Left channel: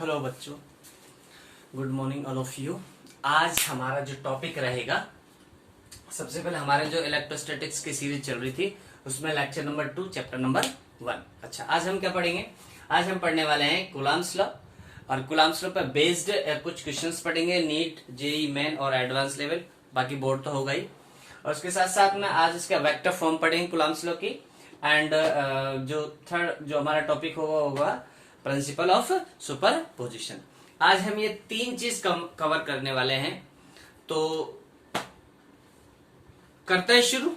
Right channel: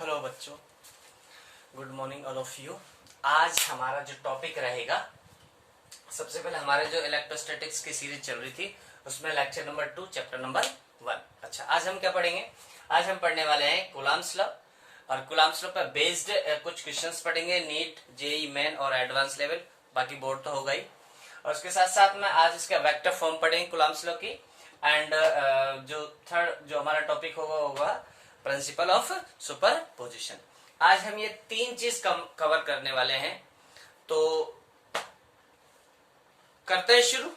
Hello बच्चों, good morning all of you. आज हमारा जो टॉपिक रहेगा, सबसे पहले हमारे जो इलेक्ट्रोस्टैटिक्स की सीरीज चल रही थी उसमें लेक्चर नंबर 2 चैप्टर नंबर 1। अच्छा, आज हम क्या पढ़ेंगे? आज हम पढ़ने वाले हैं कूलम्ब्स लॉ, और कूलम्ब्स लॉ पर बेस्ड कुछ क्वेश्चंस पढ़ेंगे, नीट, जेई मेन और एडवांस लेवल, बाकी बोर्ड तो होगा ही। और उसके साथ साथ में आज इसका वेक्टर फॉर्म पढ़ेंगे कूलम्ब्स लॉ की। एंड जो थर्ड जो हमारा टॉपिक होगा प्रिंसिपल ऑफ सुपरपोजिशन। आज हम ये तीन चीज कवर करने वाले हैं, तो करते हैं शुरू।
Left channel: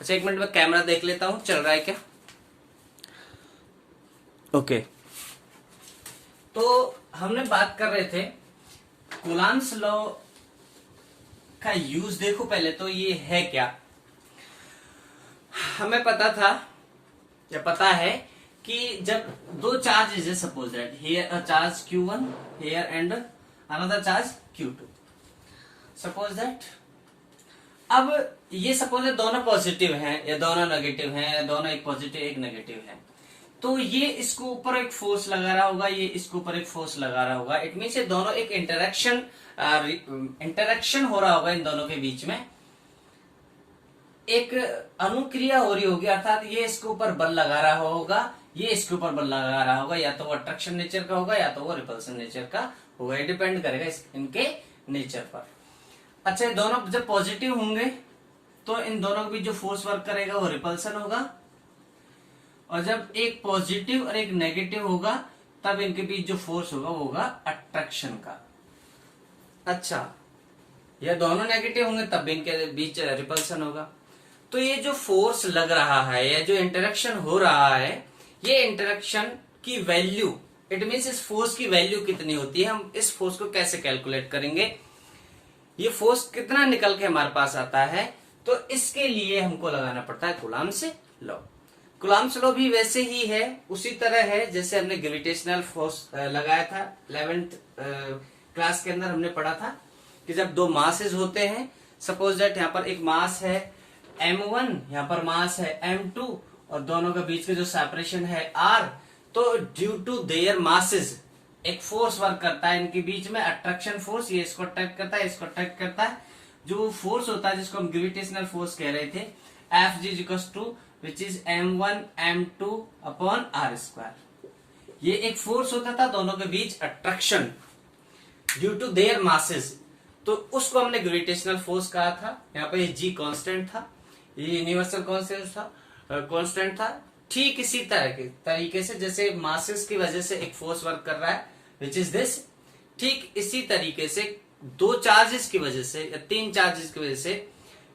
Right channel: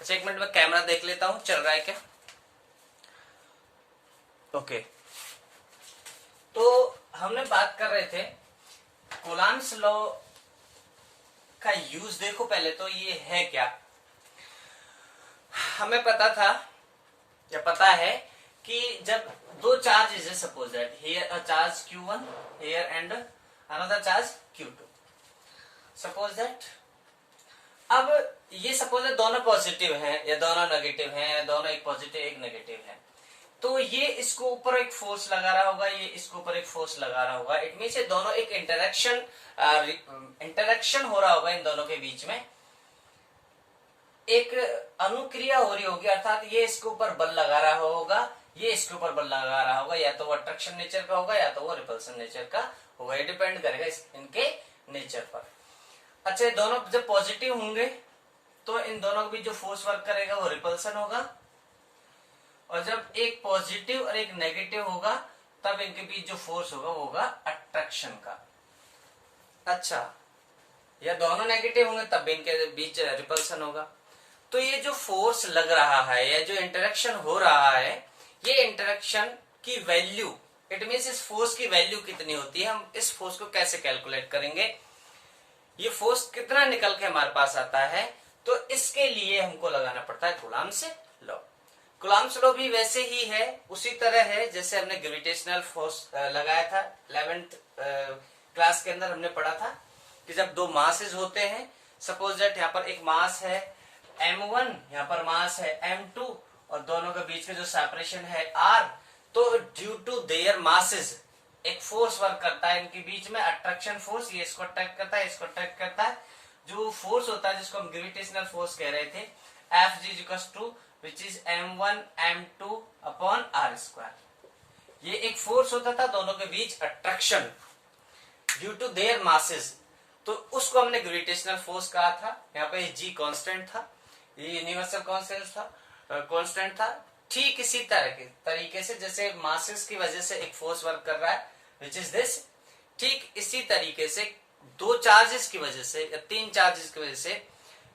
अच्छा, एक मिनट में कैमरा देख लेता हूं, चल रहा है क्या? ओके। तो हमने बात कर रहे थे कूलम्ब्स लॉ का यूज। देखो, पहले तो ये है क्या, हमें पता था या पता है कि जब दो charge is suppose that here a charge Q1 here and another charge Q2, suppose that. अब ये सपोज दोनों पॉजिटिव हैं या दोनों नेगेटिव हैं या दोनों एक पॉजिटिव एक नेगेटिव है, तो ये इसको ऊपर एक फोर्स लगा रहा होगा, ये इसके ऊपर एक फोर्स लगा रहा होगा। इट मीन्स ये दोनों एक इंटरेक्शन हो रहा होगा, इन दोनों के बीच में एक अनुक्रिया हो रही होगी, अर्थात ये इसके ऊपर बल लगा रहा होगा, ये इसके ऊपर बल लगा रहा होगा। या तो वो अट्रैक्शन नेचर का होगा या तो वो रिपल्सन नेचर का होगा, ये डिपेंड करेगा इनके नेचर पर। अच्छा, दोनों जब पॉजिटिव होंगे तो इन दोनों के बीच जो फोर्स वर्क करेगा वो रिपल्सन होगा, और जब एक पॉजिटिव और एक नेगेटिव होगा तब इनके बीच जो फोर्स होगा वो होगा अट्रैक्शन का। अच्छा, या दोनों नेगेटिव होंगे तब इनके बीच रिपल्सन होगा। तो ये जो फोर्स लग रहा है या जो इंटरेक्शन हो रहा है, ये इंटरेक्शन की वैल्यू, इट मीन्स इस फोर्स की वैल्यू कितनी होती है, हम इस फोर्स को कैसे कैलकुलेट करेंगे, ये फोर्स कितना निकल के हमारे पास आता है, तो इसके लिए हमको लगाना पड़ता है कूलम्ब्स लॉ। कूलम्ब्स लॉ भी वैसे ही है, उसी तरह है जैसे हमने ग्रेविटेशनल फोर्स लगाया था 11th क्लास के अंदर। हमने पढ़ा था कि जब दो मासेस होते हैं, सपोज दैट यहाँ पर एक मास है M1, यहाँ पर मास है M2, और दोनों के बीच में जो सेपरेशन है R, तो ड्यू टू देयर मासेस एक फोर्स वर्क करता है इनके बीच में, अट्रैक्शन फोर्स। ये इसको अट्रैक्ट करता है, इसको अट्रैक्ट करता है। जो फोर्स होता है जिसको हम ग्रेविटेशनल फोर्स कह रहे थे, Fg which is M1 M2 upon R²। ये एक फोर्स होता था दोनों के बीच, attraction due to their masses, तो उसको हमने ग्रेविटेशनल फोर्स कहा था। यहाँ पे G कांस्टेंट था, ये यूनिवर्सल कांस्टेंट था। ठीक इसी तरीके से जैसे मासेस की वजह से एक फोर्स वर्क कर रहा है विच इज दिस, ठीक इसी तरीके से दो चार्जेस की वजह से या तीन चार्जेस की वजह से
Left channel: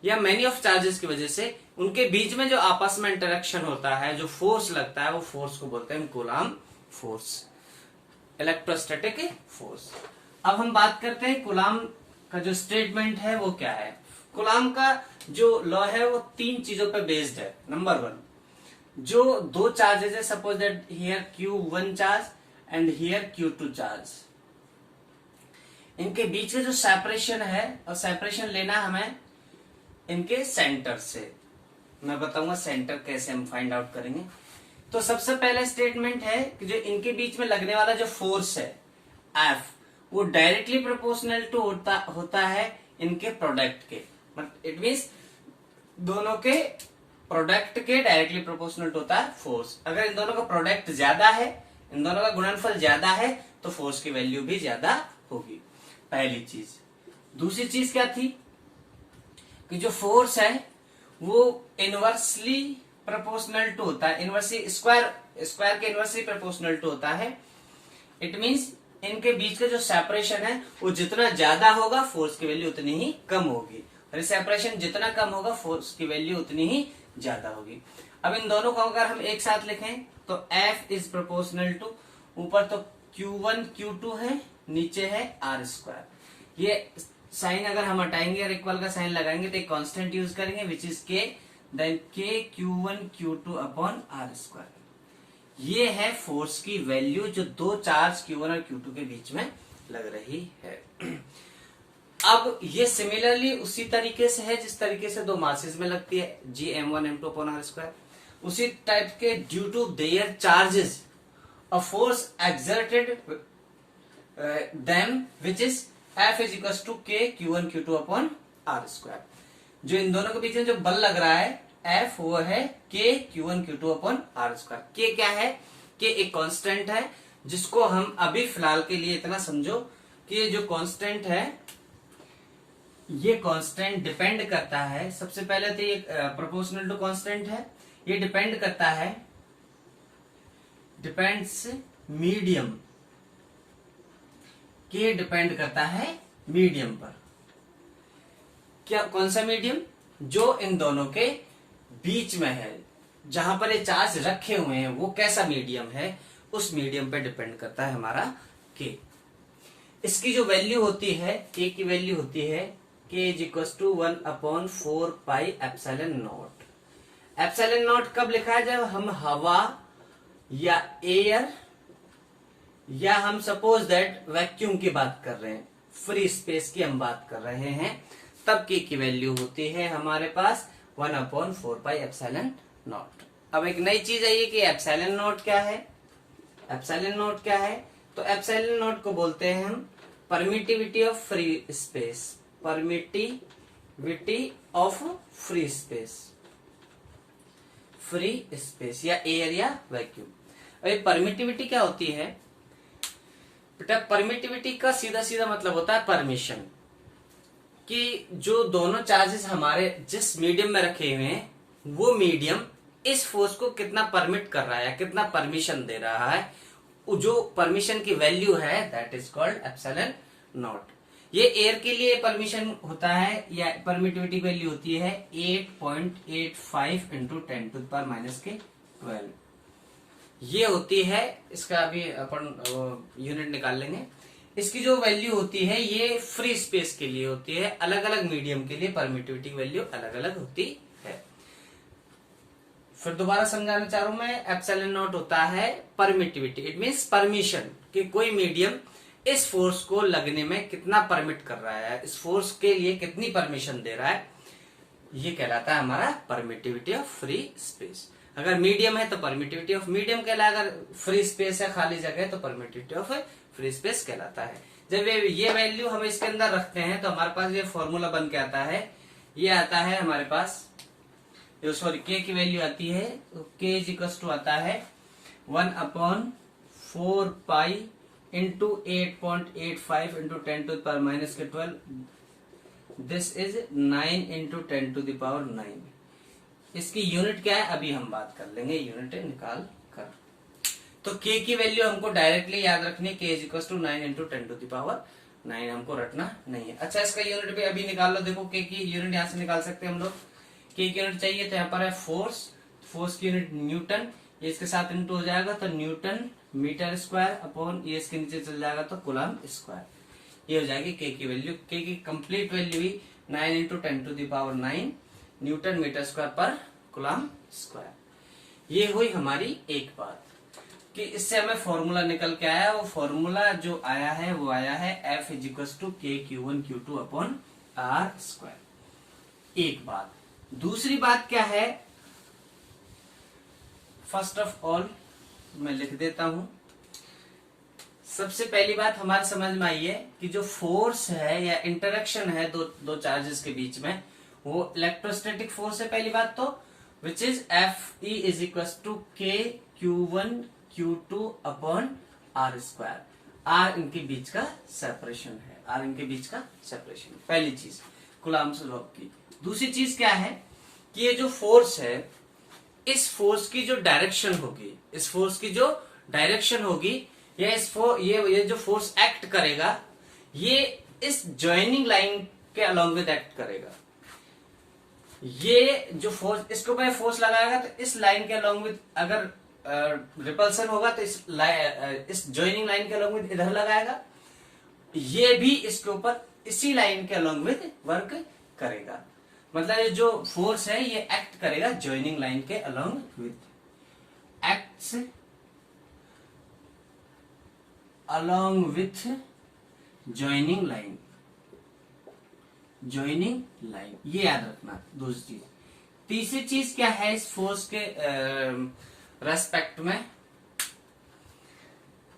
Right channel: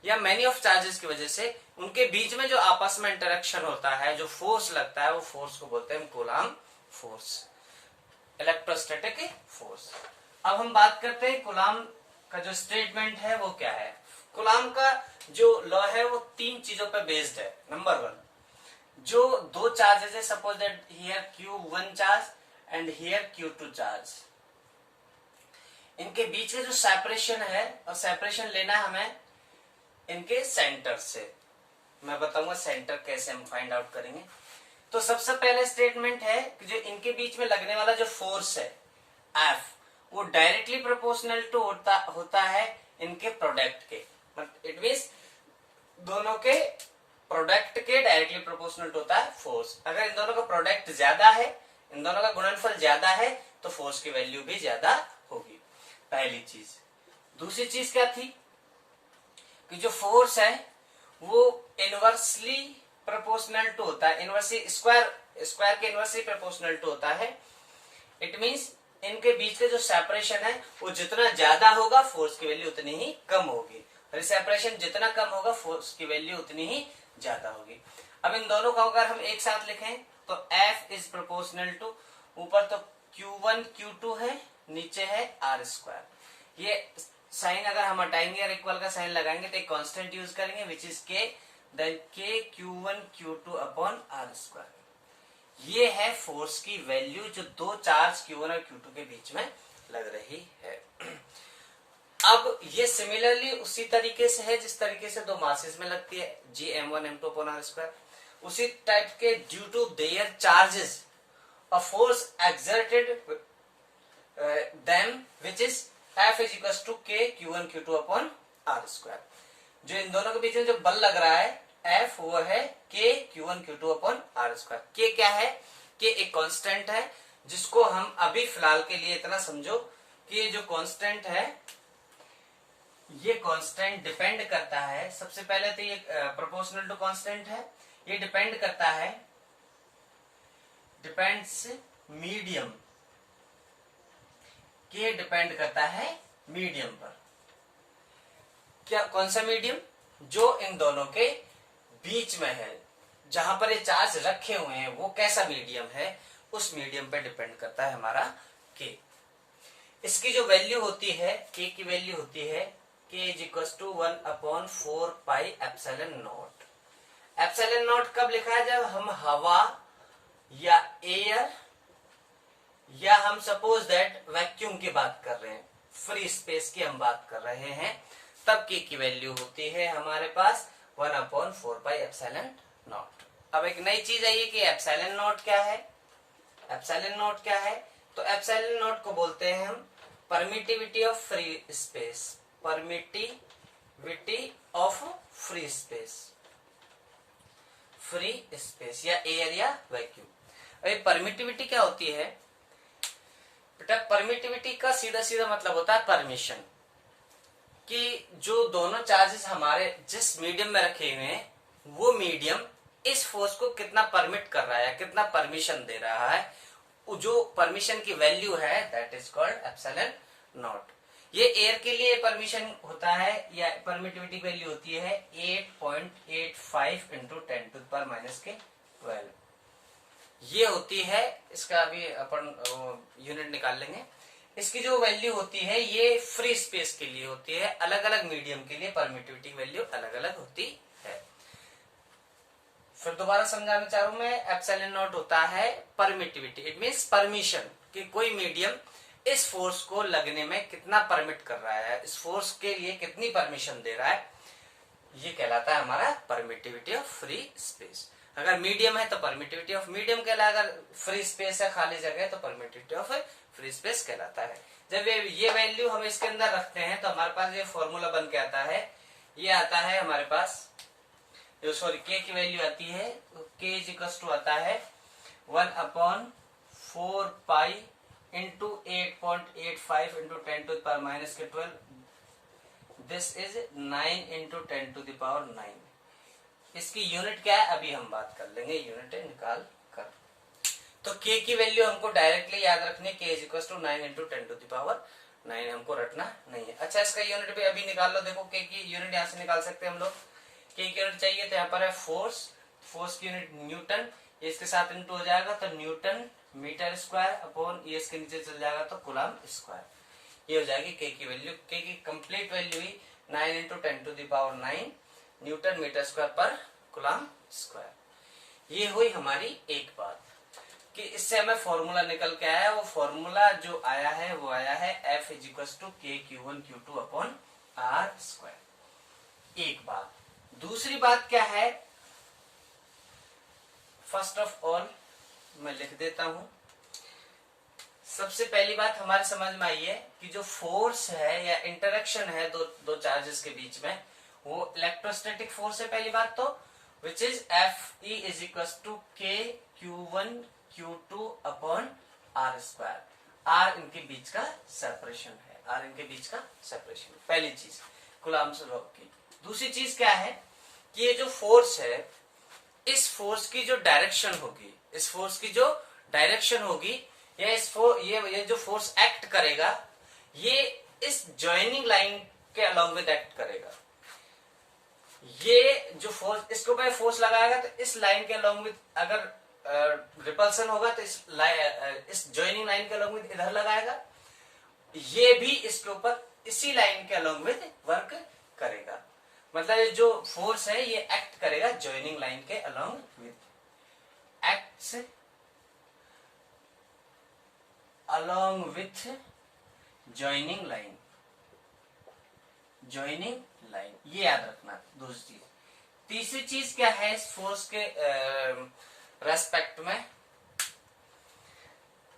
या मेनी ऑफ चार्जेस की वजह से उनके बीच में जो आपस में इंटरेक्शन होता है, जो फोर्स लगता है, वो फोर्स को बोलते हैं कूलम्ब फोर्स, इलेक्ट्रोस्टैटिक फोर्स। अब हम बात करते हैं कूलम्ब का जो स्टेटमेंट है वो क्या है। कूलम्ब का जो लॉ है वो तीन चीजों पर बेस्ड है। नंबर 1, जो दो चार्जेस है, suppose that here Q1 charge and here Q2 charge, इनके बीच में जो सेपरेशन है, और सेपरेशन लेना है हमें इनके सेंटर से। मैं बताऊंगा सेंटर कैसे हम फाइंड आउट करेंगे। तो सबसे पहले स्टेटमेंट है कि जो इनके बीच में लगने वाला जो फोर्स है F, वो डायरेक्टली प्रोपोर्शनल टू होता है इनके प्रोडक्ट के। इट मीन्स दोनों के प्रोडक्ट के डायरेक्टली प्रोपोर्शनल होता है फोर्स। अगर इन दोनों का प्रोडक्ट ज्यादा है, इन दोनों का गुणनफल ज्यादा है, तो फोर्स की वैल्यू भी ज्यादा होगी, पहली चीज। दूसरी चीज क्या थी कि जो फोर्स है वो इनवर्सली प्रोपोर्शनल टू होता है, इनवर्सली स्क्वायर के इनवर्सली प्रोपोर्शनल टू होता है। इट मीन्स इनके बीच का जो सेपरेशन है वो जितना ज्यादा होगा फोर्स की वैल्यू उतनी ही कम होगी, और सेपरेशन जितना कम होगा फोर्स की वैल्यू उतनी ही ज्यादा होगी। अब इन दोनों को अगर हम एक साथ लिखें तो F इज प्रोपोर्शनल टू, ऊपर तो Q1 Q2 है, नीचे है R²। ये साइन अगर हम हटाएंगे और इक्वल का साइन लगाएंगे तो एक कांस्टेंट यूज करेंगे which is K, then K Q1 Q2 upon R²। ये है फोर्स की वैल्यू जो दो चार्ज Q1 और Q2 के बीच में लग रही है। अब ये सिमिलरली उसी तरीके से है जिस तरीके से दो मासेस में लगती है, G M1 M2 upon R²। उसी टाइप के due to their charges a force exerted them which is F is equal to K Q1 Q2 upon R square. जो इन दोनों के बीच में जो बल लग रहा है F वो है K Q1 Q2 upon R square. K क्या है? K एक कांस्टेंट है जिसको हम अभी फिलहाल के लिए इतना समझो कि ये जो कांस्टेंट है ये कांस्टेंट डिपेंड करता है, सबसे पहले तो ये प्रोपोर्शनल टू कांस्टेंट है, ये डिपेंड करता है, डिपेंड्स मीडियम, के डिपेंड करता है मीडियम पर। क्या कौन सा मीडियम? जो इन दोनों के बीच में है, जहां पर ये चार्ज रखे हुए हैं वो कैसा मीडियम है, उस मीडियम पे डिपेंड करता है हमारा के। इसकी जो वैल्यू होती है, के की वैल्यू होती है K is equal to 1/4 pi epsilon naught. Epsilon naught कब लिखा है? जब हम हवा या एयर या हम सपोज दैट वैक्यूम की बात कर रहे हैं, फ्री स्पेस की हम बात कर रहे हैं, तब के की वैल्यू होती है हमारे पास 1/4 पाई एप्सिलॉन नॉट। अब एक नई चीज आई है कि एप्सिलॉन नॉट क्या है। एप्सिलॉन नॉट क्या है? तो एप्सिलॉन नॉट को बोलते हैं हम permittivity of free space, permittivity of free space, free space या एयर या वैक्यूम। अभी परमिटिविटी क्या होती है बेटा? परमिटिविटी का सीधा सीधा मतलब होता है परमिशन, कि जो दोनों चार्जेस हमारे जिस मीडियम में रखे हुए हैं वो मीडियम इस फोर्स को कितना परमिट कर रहा है, कितना परमिशन दे रहा है, जो परमिशन की वैल्यू है that is called epsilon not. ये एयर के लिए परमिशन होता है या परमिटिविटी वैल्यू होती है 8.85 इंटू 10⁻⁻12। ये होती है, इसका अभी अपन यूनिट निकाल लेंगे। इसकी जो वैल्यू होती है ये फ्री स्पेस के लिए होती है, अलग अलग मीडियम के लिए परमिटिविटी वैल्यू अलग अलग होती है। फिर दोबारा समझाना चाह रहा हूं मैं, एप्सिलॉन नॉट होता है परमिटिविटी, इट मीन्स परमिशन, कि कोई मीडियम इस फोर्स को लगने में कितना परमिट कर रहा है, इस फोर्स के लिए कितनी परमिशन दे रहा है, ये कहलाता है हमारा परमिटिविटी ऑफ फ्री स्पेस। अगर मीडियम है तो परमिटिविटी ऑफ मीडियम कहलाएगा, अगर फ्री स्पेस है खाली जगह तो परमिटिविटी ऑफ फ्री स्पेस कहलाता है। जब ये वैल्यू हम इसके अंदर रखते हैं तो हमारे पास ये फॉर्मूला बन के आता है, ये आता है हमारे पास, जो सॉरी के की वैल्यू आती है, के इज इक्वल टू आता है 1/4 pi into 8.85 into 10⁻⁻12, this is 9 into 10⁻⁹। इसकी यूनिट क्या है अभी हम बात कर लेंगे, यूनिट निकाल कर। तो के की वैल्यू हमको डायरेक्टली याद रखनी, के इज इक्वल टू 9 इंटू 10⁻⁹ हमको रटना नहीं है। अच्छा, इसका यूनिट भी अभी निकाल लो। देखो के की यूनिट यहां से निकाल सकते हैं हम लोग। के की यूनिट चाहिए तो यहाँ पर है फोर्स, फोर्स की यूनिट न्यूटन, ये इसके साथ इंटू हो जाएगा तो न्यूटन मीटर स्क्वायर अपॉन ये इसके नीचे चल जाएगा तो कूलम्ब स्क्वायर। ये हो जाएगी के की वैल्यू। के की कंप्लीट वैल्यू ही 9 इंटू 10⁻⁹ न्यूटन मीटर स्क्वायर पर कूलम्ब स्क्वायर। ये हुई हमारी एक बात कि इससे हमें फॉर्मूला निकल के आया। वो फॉर्मूला जो आया है वो आया है F is equal to K Q1 Q2 upon R square. एक बात। दूसरी बात क्या है, फर्स्ट ऑफ ऑल मैं लिख देता हूं। सबसे पहली बात हमारी समझ में आई है कि जो फोर्स है या इंटरेक्शन है दो चार्जेस के बीच में, वो इलेक्ट्रोस्टैटिक फोर्स है पहली बात तो, which is F E is equal to K Q1 Q2 upon R square. R इनके बीच का सेपरेशन है, R इनके बीच का सेपरेशन, पहली चीज कूलम्ब लॉ की। दूसरी चीज क्या है कि ये जो फोर्स है, इस फोर्स की जो डायरेक्शन होगी, इस फोर्स की जो डायरेक्शन होगी, या ये जो फोर्स एक्ट करेगा, ये इस जॉइनिंग लाइन के अलोंग विद एक्ट करेगा। ये जो फोर्स, इसके ऊपर फोर्स लगाएगा तो इस लाइन के अलोंग विद, अगर रिपल्सन होगा तो इस जॉइनिंग लाइन के अलोंग विद इधर लगाएगा, ये भी इसके ऊपर इसी लाइन के अलोंग विद वर्क करेगा। मतलब ये जो फोर्स है ये एक्ट करेगा जॉइनिंग लाइन के along with, acts along with joining line, joining line, ये याद रखना दूसरी चीज। तीसरी चीज क्या है इस फोर्स के रेस्पेक्ट में,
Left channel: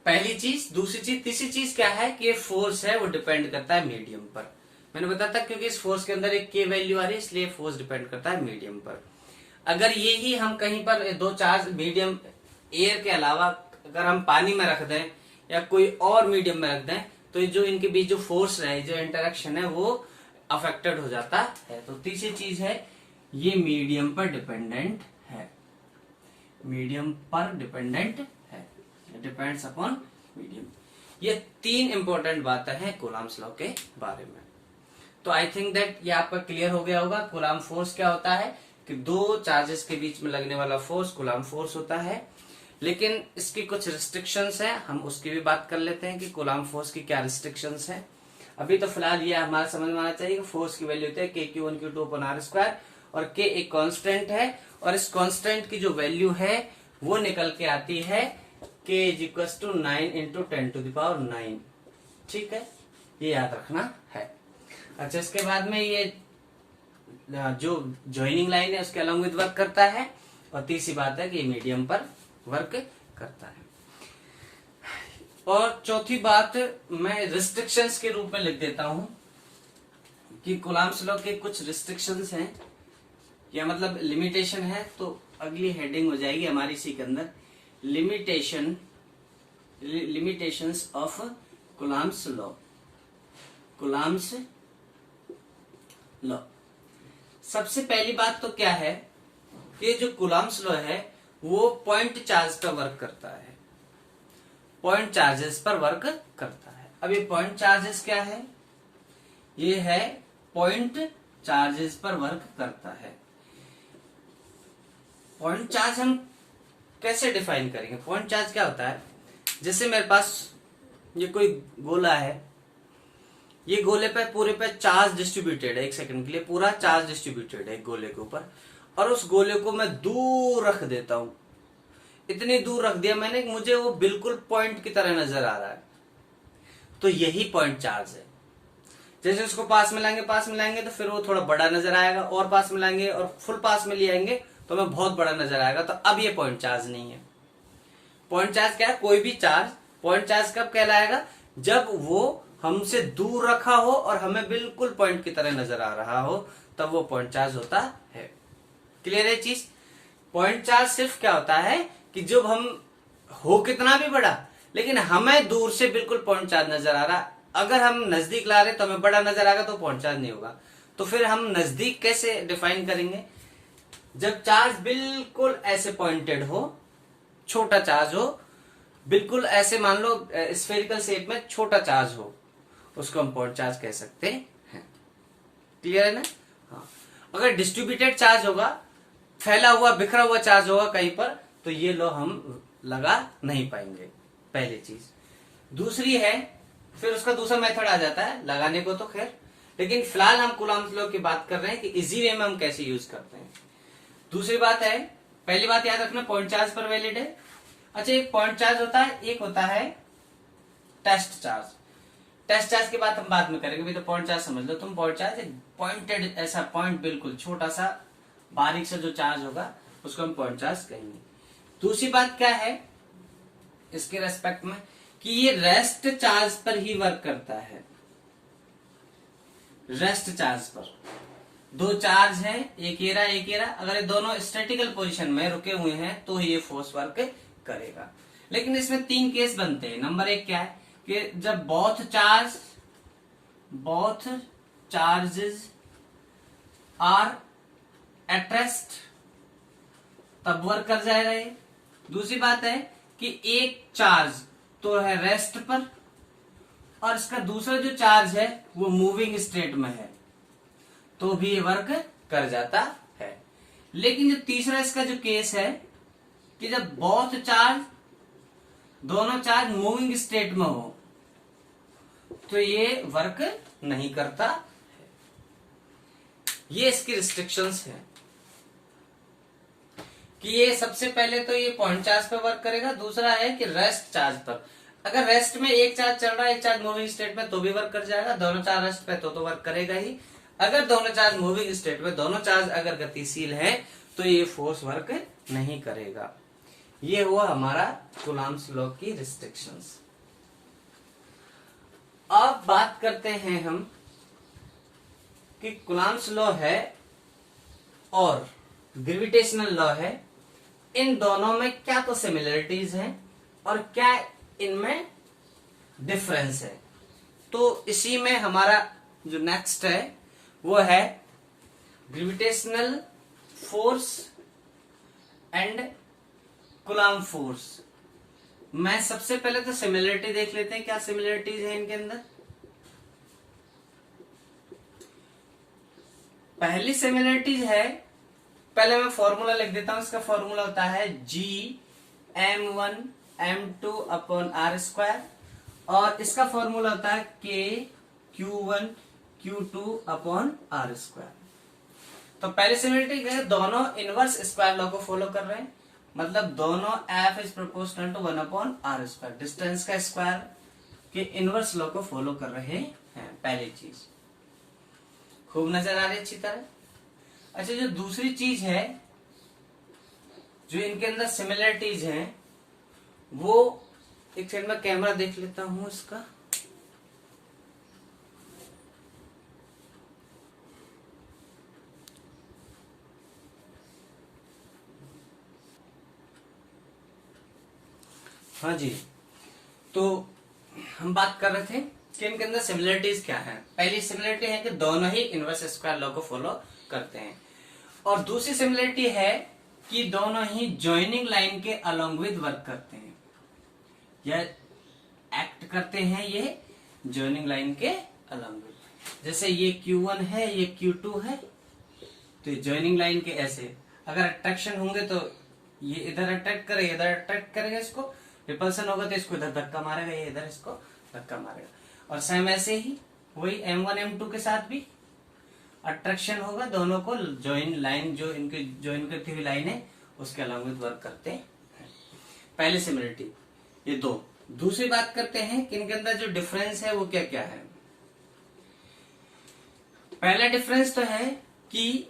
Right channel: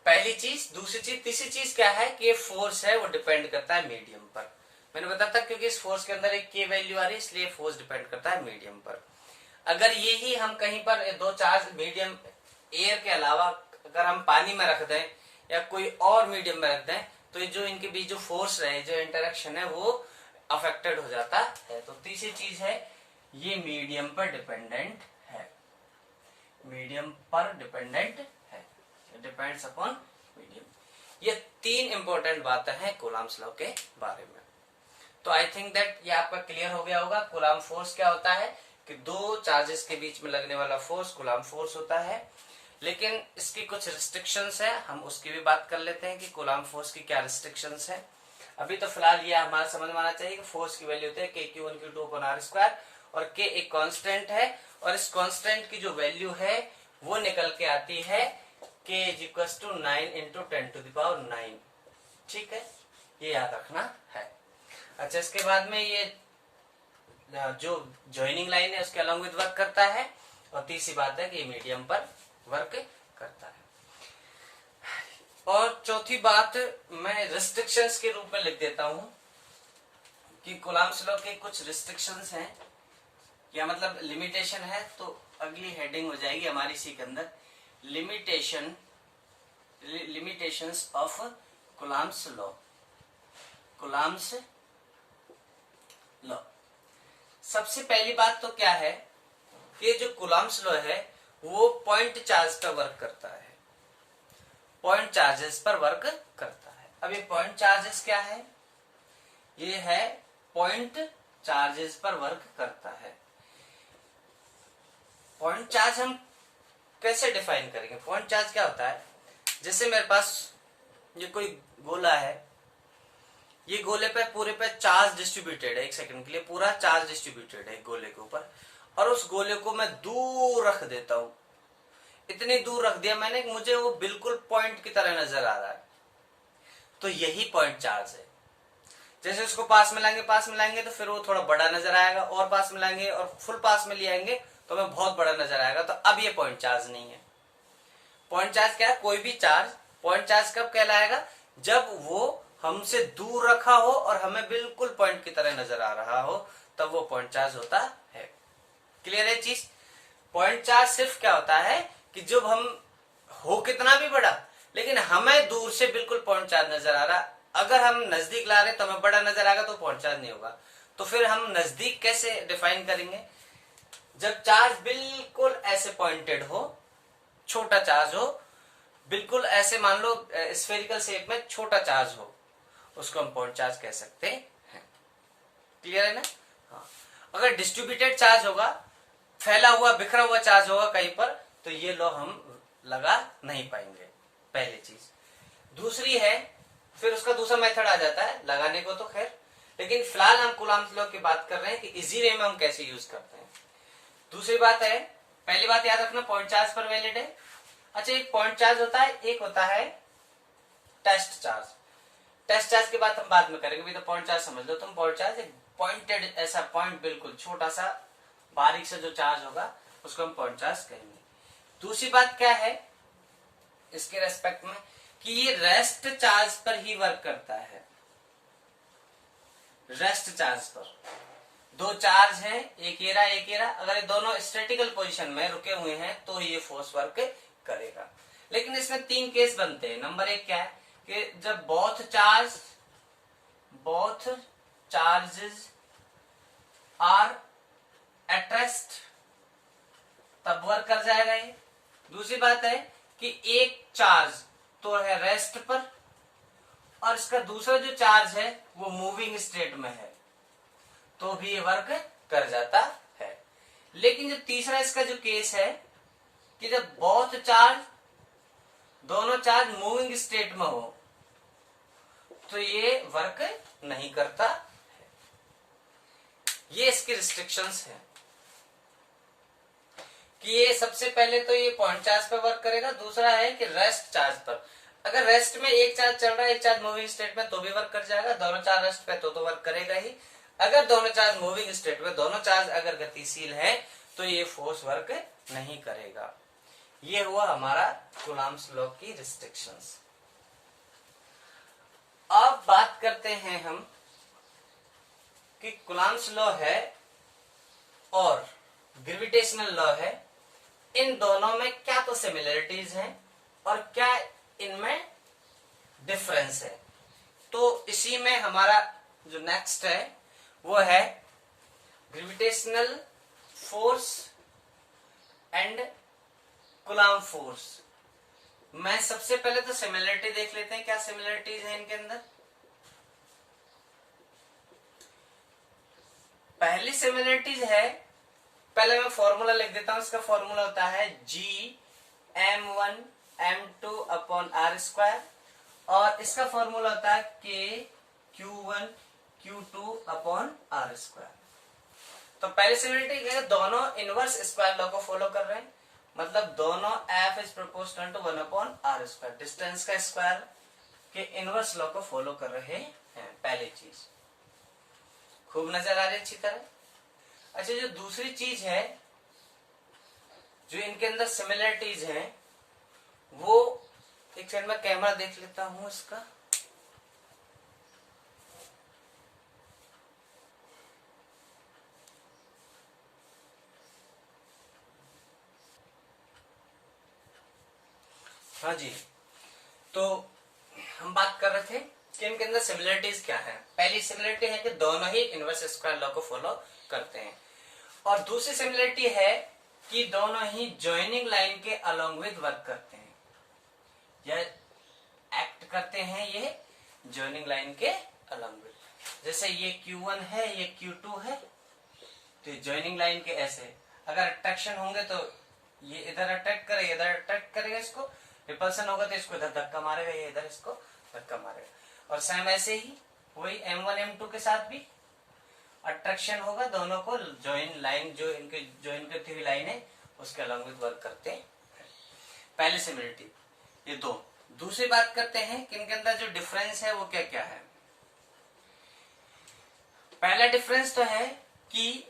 पहली चीज, दूसरी चीज, तीसरी चीज क्या है कि ये फोर्स है वो डिपेंड करता है मीडियम पर। मैंने बताया था क्योंकि इस फोर्स के अंदर एक के वैल्यू आ रही है, इसलिए फोर्स डिपेंड करता है मीडियम पर। अगर ये ही हम कहीं पर दो चार्ज मीडियम एयर के अलावा अगर हम पानी में रख दें या कोई और मीडियम में रख दें तो ये जो इनके बीच जो फोर्स है, जो इंटरेक्शन है वो अफेक्टेड हो जाता है। तो तीसरी चीज है ये मीडियम पर डिपेंडेंट है, मीडियम पर डिपेंडेंट है, डिपेंड्स अपॉन मीडियम। ये तीन इंपॉर्टेंट बातें हैं कूलम्ब्स लॉ के बारे में। तो आई थिंक दैट ये आपका क्लियर हो गया होगा। कूलम्ब फोर्स क्या होता है कि दो चार्जेस के बीच में लगने वाला फोर्स कूलम्ब फोर्स होता है। लेकिन इसकी कुछ रिस्ट्रिक्शंस हैं, हम उसकी भी बात कर लेते हैं कि कूलम्ब फोर्स की क्या रिस्ट्रिक्शंस हैं। अभी तो फिलहाल ये हमारा समझ में आना चाहिए कि फोर्स की वैल्यू होती है Q1 Q2 upon R square, और K एक कांस्टेंट है, और इस कांस्टेंट की जो वैल्यू है वो निकल के आती है K = 9 × 10⁹। ठीक है, ये याद रखना है। अच्छा, इसके बाद में ये जो जॉइनिंग लाइन है उसके अलॉन्ग विद वर्क करता है, और तीसरी बात है कि ये मीडियम पर वर्क करता है। और चौथी बात मैं रिस्ट्रिक्शंस के रूप में लिख देता हूं कि कूलम्ब्स लॉ के कुछ रिस्ट्रिक्शंस हैं, या मतलब लिमिटेशन है। तो अगली हेडिंग हो जाएगी हमारी इसी के अंदर, limitations of Coulomb's law. Coulomb's law, सबसे पहली बात तो क्या है कि जो कूलम्ब्स लॉ है वो पॉइंट चार्ज पर वर्क करता है, पॉइंट चार्जेस पर वर्क करता है। अब ये पॉइंट चार्जेस क्या है? ये है पॉइंट चार्जेस पर वर्क करता है। पॉइंट चार्ज हम कैसे डिफाइन करेंगे? पॉइंट चार्ज क्या होता है? जैसे मेरे पास ये कोई गोला है, ये गोले पे पूरे पे चार्ज डिस्ट्रीब्यूटेड है, एक सेकंड के लिए पूरा चार्ज डिस्ट्रीब्यूटेड है एक गोले के ऊपर, और उस गोले को मैं दूर रख देता हूं, इतनी दूर रख दिया मैंने, मुझे वो बिल्कुल पॉइंट की तरह नजर आ रहा है, तो यही पॉइंट चार्ज है। जैसे उसको पास में लाएंगे तो फिर वो थोड़ा बड़ा नजर आएगा, और पास में लाएंगे और फुल पास में ले आएंगे तो हमें बहुत बड़ा नजर आएगा, तो अब ये पॉइंट चार्ज नहीं है। पॉइंट चार्ज क्या है? कोई भी चार्ज पॉइंट चार्ज कब कहलाएगा? जब वो हमसे दूर रखा हो और हमें बिल्कुल पॉइंट की तरह नजर आ रहा हो, तब वो पॉइंट चार्ज होता है। क्लियर है चीज? पॉइंट चार्ज सिर्फ क्या होता है कि जब हम हो कितना भी बड़ा, लेकिन हमें दूर से बिल्कुल पॉइंट चार्ज नजर आ रहा, अगर हम नजदीक ला रहे तो हमें बड़ा नजर आएगा, तो पॉइंट चार्ज नहीं होगा। तो फिर हम नजदीक कैसे डिफाइन करेंगे? जब चार्ज बिल्कुल ऐसे पॉइंटेड हो, छोटा चार्ज हो, बिल्कुल ऐसे मान लो स्फेरिकल शेप में छोटा चार्ज हो, उसको हम पॉइंट चार्ज कह सकते हैं। क्लियर है ना? हाँ। अगर डिस्ट्रीब्यूटेड चार्ज होगा, फैला हुआ बिखरा हुआ चार्ज होगा कहीं पर, तो ये लॉ हम लगा नहीं पाएंगे, पहली चीज। दूसरी है, फिर उसका दूसरा मेथड आ जाता है लगाने को, तो खैर, लेकिन फिलहाल हम कूलम्ब्स लॉ की बात कर रहे हैं कि इजी वे में हम कैसे यूज करते हैं। दूसरी बात है, पहली बात याद रखना पॉइंट चार्ज पर वैलिड है। अच्छा, एक पॉइंट चार्ज होता है, एक होता है टेस्ट चार्ज। टेस्ट चार्ज की बात हम बाद में करेंगे, भी तो पॉइंट चार्ज समझ लो तुम। पॉइंट चार्ज एक पॉइंटेड ऐसा पॉइंट, बिल्कुल छोटा सा बारीक से जो चार्ज होगा उसको हम पॉइंट चार्ज कहेंगे। दूसरी बात क्या है इसके रेस्पेक्ट में कि ये रेस्ट चार्ज पर ही वर्क करता है। रेस्ट चार्ज पर दो चार्ज हैं, एक ये रहा, अगर ये दोनों स्टैटिकल पोजीशन में रुके हुए हैं तो ये फोर्स वर्क करेगा। लेकिन इसमें तीन केस बनते हैं। नंबर एक क्या है कि जब both charges are at rest, तब वर्क कर जाएगा ये। दूसरी बात है कि एक चार्ज तो है रेस्ट पर, और इसका दूसरा जो चार्ज है वो मूविंग स्टेट में है, तो भी ये वर्क कर जाता है। लेकिन जो तीसरा इसका जो केस है कि जब बोथ चार्ज, दोनों चार्ज मूविंग स्टेट में हो, तो ये वर्क नहीं करता है। ये इसकी रिस्ट्रिक्शंस है कि ये सबसे पहले तो ये पॉइंट चार्ज पर वर्क करेगा। दूसरा है कि रेस्ट चार्ज पर, अगर रेस्ट में एक चार्ज चल रहा है, एक चार्ज मूविंग स्टेट में, तो भी वर्क कर जाएगा। दोनों चार्ज रेस्ट पे तो वर्क करेगा ही। अगर दोनों चार्ज मूविंग स्टेट में, दोनों चार्ज अगर गतिशील है, तो ये फोर्स वर्क नहीं करेगा। ये हुआ हमारा कूलम्ब्स लॉ की रिस्ट्रिक्शंस। अब बात करते हैं हम कि कूलम्ब्स लॉ है और ग्रेविटेशनल लॉ है, इन दोनों में क्या तो सिमिलरिटीज हैं और क्या इनमें डिफरेंस है। तो इसी में हमारा जो नेक्स्ट है वो है gravitational force and coulomb force. मैं सबसे पहले तो सिमिलरिटी देख लेते हैं, क्या सिमिलरिटीज है इनके अंदर। पहली सिमिलरिटीज है, पहले मैं फॉर्मूला लिख देता हूं। इसका फॉर्मूला होता है Gm1m2/r², और इसका फॉर्मूला होता है K(Q1Q2)/r²। तो पहली सिमिलरिटी है, दोनों इनवर्स स्क्वायर लॉ को फॉलो कर रहे हैं, मतलब दोनों F is proportional to 1/r², distance का स्क्वायर के इनवर्स लॉ को फॉलो कर रहे हैं। पहली चीज खूब नजर आ रही है अच्छी तरह। अच्छा, जो दूसरी चीज है जो इनके अंदर सिमिलरिटीज हैं, वो एक साइड में कैमरा देख लेता हूं इसका। हाँ जी, तो हम बात कर रहे थे कि इनके अंदर सिमिलरिटीज क्या है। पहली सिमिलरिटी है कि दोनों ही इनवर्स स्क्वायर लॉ को फॉलो करते हैं, और दूसरी सिमिलरिटी है कि दोनों ही जॉइनिंग लाइन के अलोंग विद वर्क करते हैं, या एक्ट करते हैं ये जॉइनिंग लाइन के अलोंग विद। जैसे ये Q1 है, ये Q2 है, तो ये जॉइनिंग लाइन के ऐसे अगर अट्रैक्शन होंगे तो ये इधर अट्रैक्ट करेगा, इधर अट्रैक्ट करेगा, इसको रिपल्सन होगा तो इसको इधर धक्का मारेगा, ये इधर इसको धक्का मारेगा। और सेम ऐसे ही वही M1 M2 के साथ भी अट्रैक्शन होगा, दोनों को जॉइन लाइन, जो इनके जॉइन करती हुई लाइन है उसके अलोंग विद वर्क करते हैं। पहली सिमिलरिटी ये दो। दूसरी बात करते हैं कि इनके अंदर जो डिफरेंस है वो क्या क्या है। पहला डिफरेंस तो है कि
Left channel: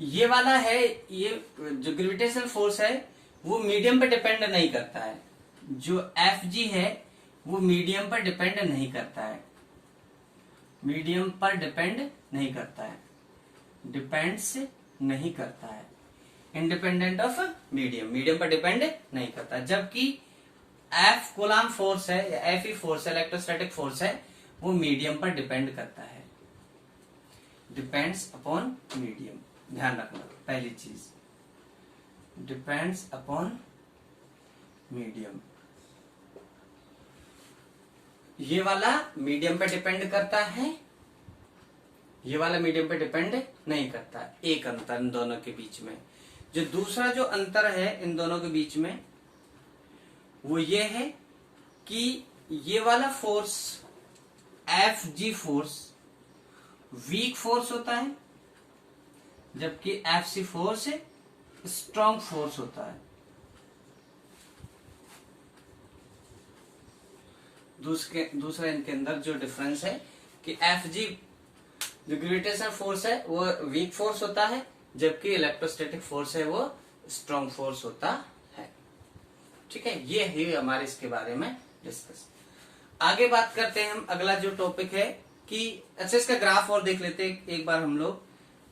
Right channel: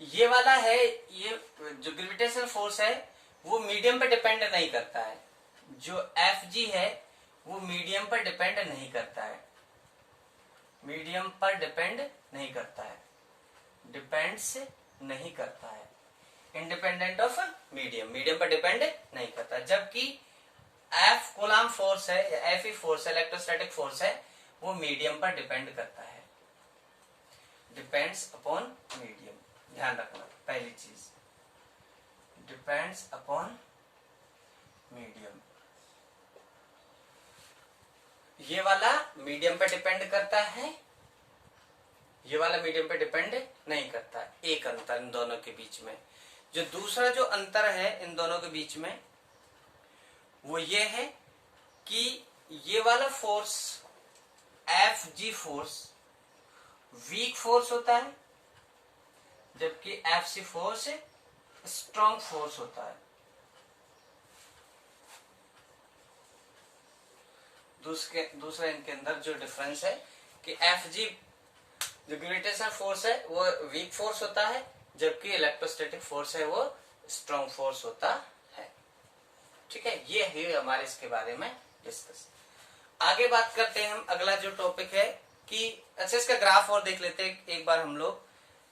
ये वाला है, ये जो ग्रेविटेशनल फोर्स है वो मीडियम पर डिपेंड नहीं करता है। जो Fg है वो मीडियम पर डिपेंड नहीं करता है, मीडियम पर डिपेंड नहीं करता है, डिपेंड्स नहीं करता है, इंडिपेंडेंट ऑफ मीडियम, मीडियम पर डिपेंड नहीं करता। जबकि F कूलम्ब फोर्स है या Fe फोर्स है, इलेक्ट्रोस्टैटिक फोर्स है, वो मीडियम पर डिपेंड करता है, डिपेंड्स अपॉन मीडियम। ध्यान रखना पहली चीज, डिपेंड्स अपॉन मीडियम। ये वाला मीडियम पे डिपेंड करता है, ये वाला मीडियम पे डिपेंड नहीं करता है। एक अंतर इन दोनों के बीच में। जो दूसरा जो अंतर है इन दोनों के बीच में वो ये है कि ये वाला force Fg force weak force होता है, जबकि Fc फोर्स स्ट्रॉन्ग फोर्स होता है। दूसरा इनके अंदर जो डिफरेंस है कि Fg जो ग्रेविटेशनल फोर्स है वो वीक फोर्स होता है, जबकि इलेक्ट्रोस्टैटिक फोर्स है वो स्ट्रॉन्ग फोर्स होता है। ठीक है, ये है हमारे इसके बारे में डिस्कस। आगे बात करते हैं हम, अगला जो टॉपिक है कि अच्छा इसका ग्राफ और देख लेते हैं एक बार हम लोग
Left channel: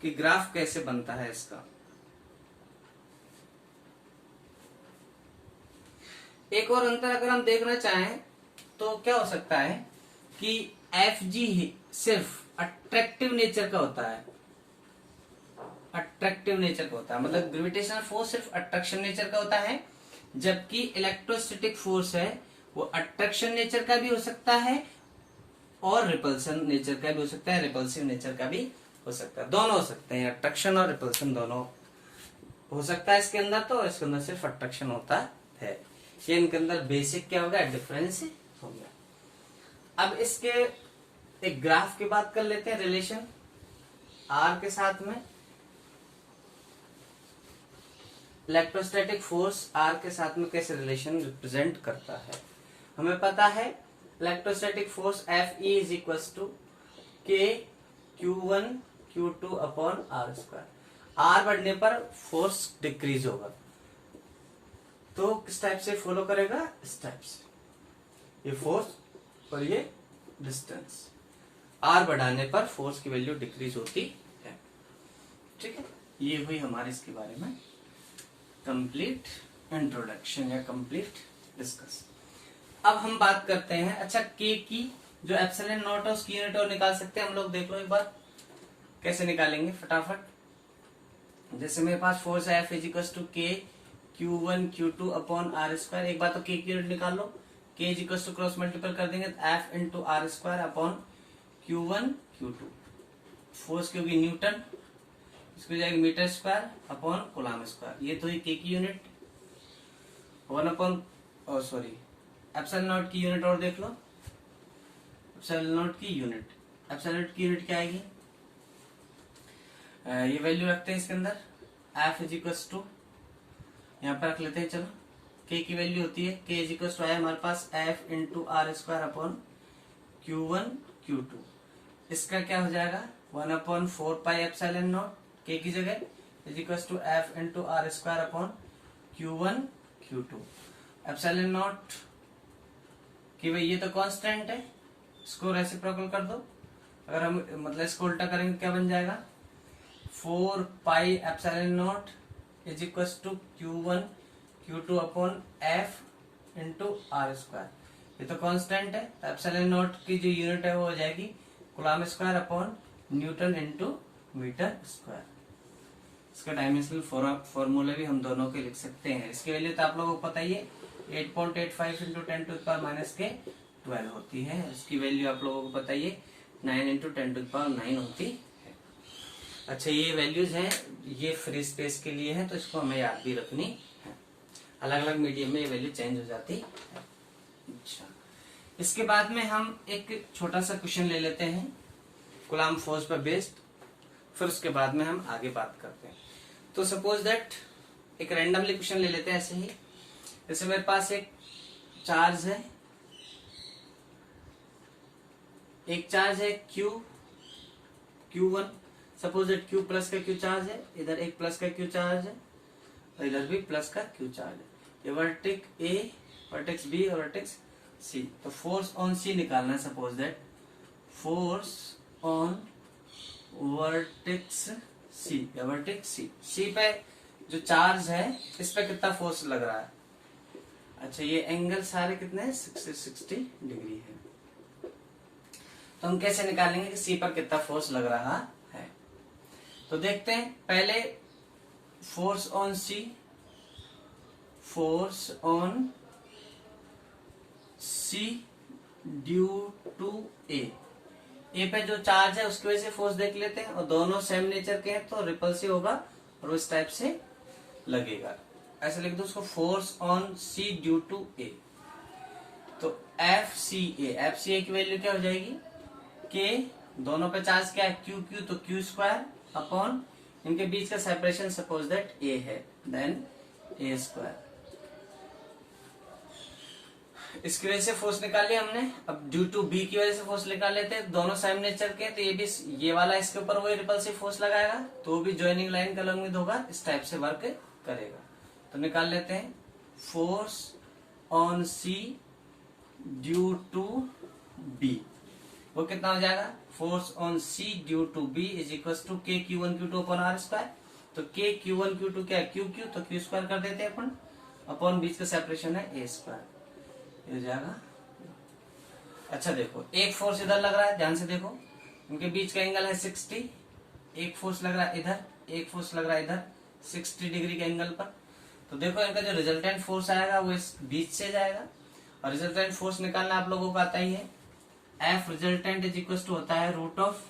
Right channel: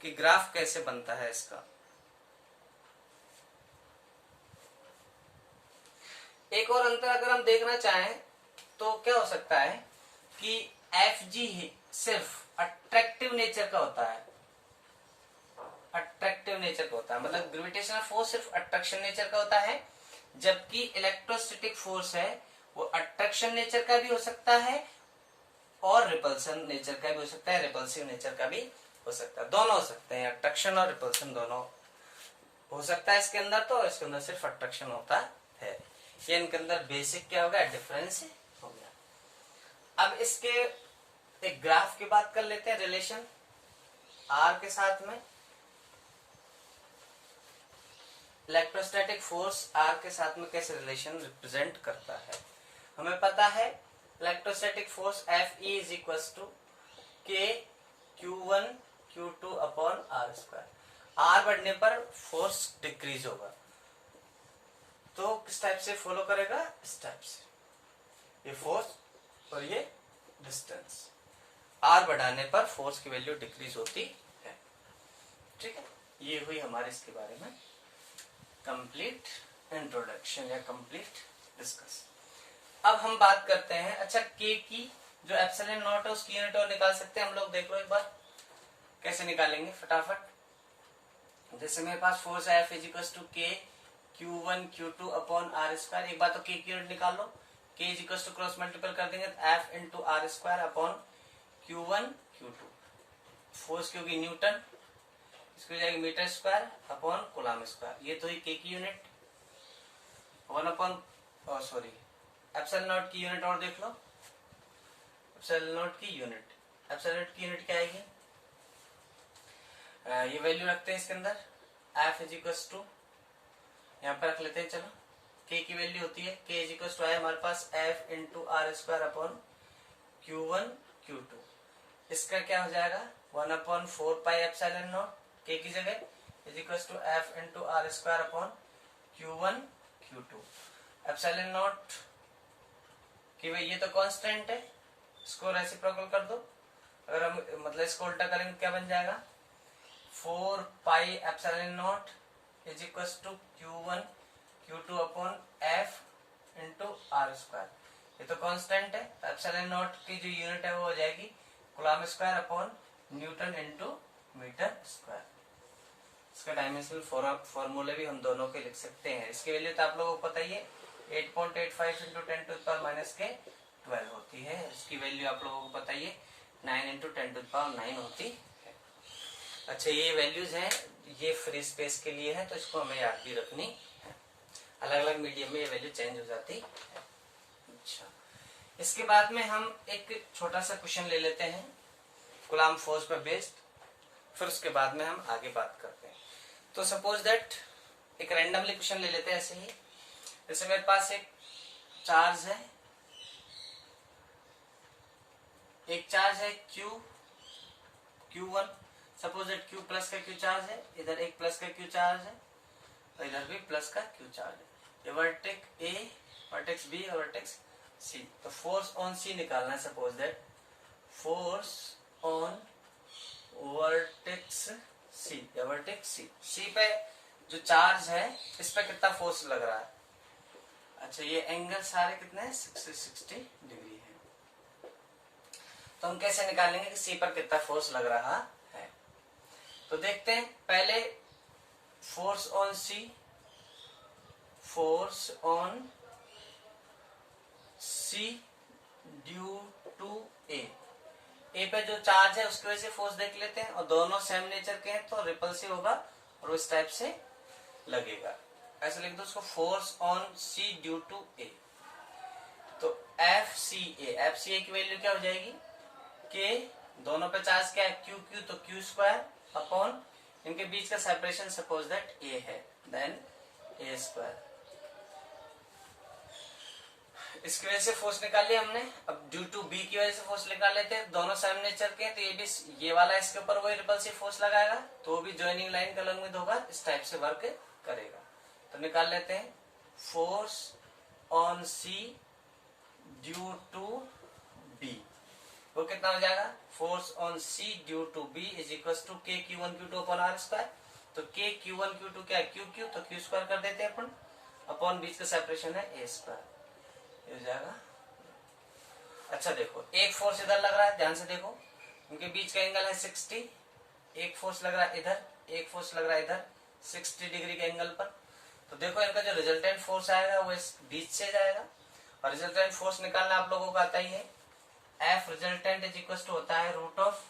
कि ग्राफ कैसे बनता है इसका। एक और अंतर अगर हम देखना चाहें तो क्या हो सकता है कि Fg ही सिर्फ अट्रैक्टिव नेचर का होता है, अट्रैक्टिव नेचर का होता है, मतलब ग्रेविटेशनल फोर्स सिर्फ अट्रैक्शन नेचर का होता है, जबकि इलेक्ट्रोस्टैटिक फोर्स है वो अट्रैक्शन नेचर का भी हो सकता है और रिपल्सन नेचर का भी हो सकता है, रिपल्सिव नेचर का भी हो सकता है, दोनों हो सकते हैं, अट्रैक्शन और रिपल्सन दोनों हो सकता है इसके अंदर। तो इसके अंदर सिर्फ अट्रैक्शन होता है। ये इनके अंदर बेसिक क्या होगा, डिफरेंस हो गया। अब इसके एक ग्राफ की बात कर लेते हैं, रिलेशन R के साथ में, इलेक्ट्रोस्टैटिक फोर्स R के साथ में कैसे रिलेशन रिप्रेजेंट करता है। हमें पता है electrostatic force Fe is equal to K Q1 Q2/r²। R बढ़ने पर फोर्स डिक्रीज होगा। तो किस टाइप से फॉलो करेगा, इस टाइप से, ये फोर्स और ये डिस्टेंस। आर बढ़ाने पर फोर्स की वैल्यू डिक्रीज होती है। ठीक है, ये हुई हमारे इसके बारे में कंप्लीट इंट्रोडक्शन या कंप्लीट डिस्कस। अब हम बात करते हैं, अच्छा के की जो एप्सिलॉन नॉट है उसकी यूनिट और निकाल सकते हैं हम लोग। देख लो एक बार कैसे निकालेंगे फटाफट। जैसे मेरे पास फोर्स है F equals to K Q1 Q2 upon are square. एक बार तो के की यूनिट निकाल लो, के इजिकल्स टू क्रॉस मल्टीपल कर देंगे तो F into R square upon Q1 Q2। Force की होगी न्यूटन, इसको जाएगी metre square upon coulomb square. ये तो ही के की यूनिट। 1 अपॉन सॉरी एप्सिलॉन नॉट की यूनिट और देख लो। एप्सिलॉन नॉट की यूनिट, एप्सिलॉन नॉट की यूनिट क्या आएगी, ये वैल्यू रखते हैं इसके अंदर। F इज इक्वल्स टू, यहाँ पर रख लेते हैं चलो, K की वैल्यू होती है, K इज इक्वल्स टू है हमारे पास F into R square upon Q1 Q2। इसका क्या हो जाएगा 1 अपॉन 4 पाई एप्सिलॉन नॉट K की जगह is equals to F into R square upon Q1 Q2। Epsilon naught कि भाई ये तो कांस्टेंट है, इसको रेसिप्रोकल कर दो। अगर हम मतलब इसको उल्टा करेंगे क्या बन जाएगा 4 pi epsilon naught is equals to Q1 Q2 upon F into R square. ये तो कांस्टेंट है, एप्सिलॉन नॉट की जो यूनिट है वो हो जाएगी coulomb square upon newton into metre square. इसका डायमेंशनल फॉर्मूले भी हम दोनों के लिख सकते हैं। इसकी वैल्यू तो आप लोगों को पता ही है, 8.85 into 10 to the power minus के 12 होती है। इसकी वैल्यू आप लोगों को पता ही है 9 इंटू 10 टू द पावर 9 होती है। अच्छा ये वैल्यूज हैं, ये फ्री स्पेस के लिए है तो इसको हमें याद भी रखनी है। अलग अलग मीडियम में ये वैल्यू चेंज हो जाती है। अच्छा इसके बाद में हम एक छोटा सा क्वेश्चन ले लेते हैं कूलम फोर्स पर बेस्ड, फिर उसके बाद में हम आगे बात करते हैं। तो सपोज दैट एक रैंडमली क्वेश्चन ले लेते हैं ऐसे ही। जैसे मेरे पास एक चार्ज है, एक चार्ज है Q1। Suppose that Q plus का Q चार्ज है, इधर एक प्लस का Q चार्ज है और इधर भी प्लस का Q चार्ज है। ये वर्टेक्स A, वर्टेक्स B और वर्टेक्स C। तो फोर्स ऑन C निकालना है। Suppose that force on vertex C या वर्टेक्स C पे जो चार्ज है इस पे कितना फोर्स लग रहा है। अच्छा ये एंगल सारे कितने हैं 60 डिग्री है। तो हम कैसे निकालेंगे कि C पर कितना फोर्स लग रहा है। तो देखते हैं पहले force on C, force on C due to A पे जो चार्ज है उसकी वजह से फोर्स देख लेते हैं, और दोनों सेम नेचर के हैं तो रिपल्सिव होगा और उस टाइप से लगेगा। ऐसे लिख दो उसको, force on C due to A। तो FCA की वैल्यू क्या हो जाएगी, K दोनों पे चार्ज क्या है Q तो Q स्क्वायर अपॉन इनके बीच का सेपरेशन सपोज दैट A है, देन A स्क्वायर। इसकी वजह से फोर्स निकाल लिया हमने। अब ड्यू टू B की वजह से फोर्स निकाल लेते हैं, दोनों सेम नेचर के हैं तो ये भी, ये वाला इसके ऊपर वही रिपल्सिव फोर्स लगाएगा तो भी ज्वाइनिंग लाइन का लंबित होगा, इस टाइप से वर्क करेगा। तो निकाल लेते हैं force on C due to B, वो कितना हो जाएगा force on C due to B is equal to K Q1 Q2 upon R square. तो K Q1 Q2 क्या है Q तो Q स्क्वायर कर देते हैं अपन, अपॉन बीच का सेपरेशन है A स्क्वायर, हो जाएगा। अच्छा देखो एक फोर्स इधर लग रहा है, ध्यान से देखो उनके बीच का एंगल है 60। एक फोर्स लग रहा है इधर, एक फोर्स लग रहा है इधर 60 डिग्री के एंगल पर। तो देखो इनका जो रिजल्टेंट फोर्स आएगा वो इस बीच से जाएगा, और रिजल्टेंट फोर्स निकालना आप लोगों को आता ही है। F resultant is equal to होता है रूट ऑफ,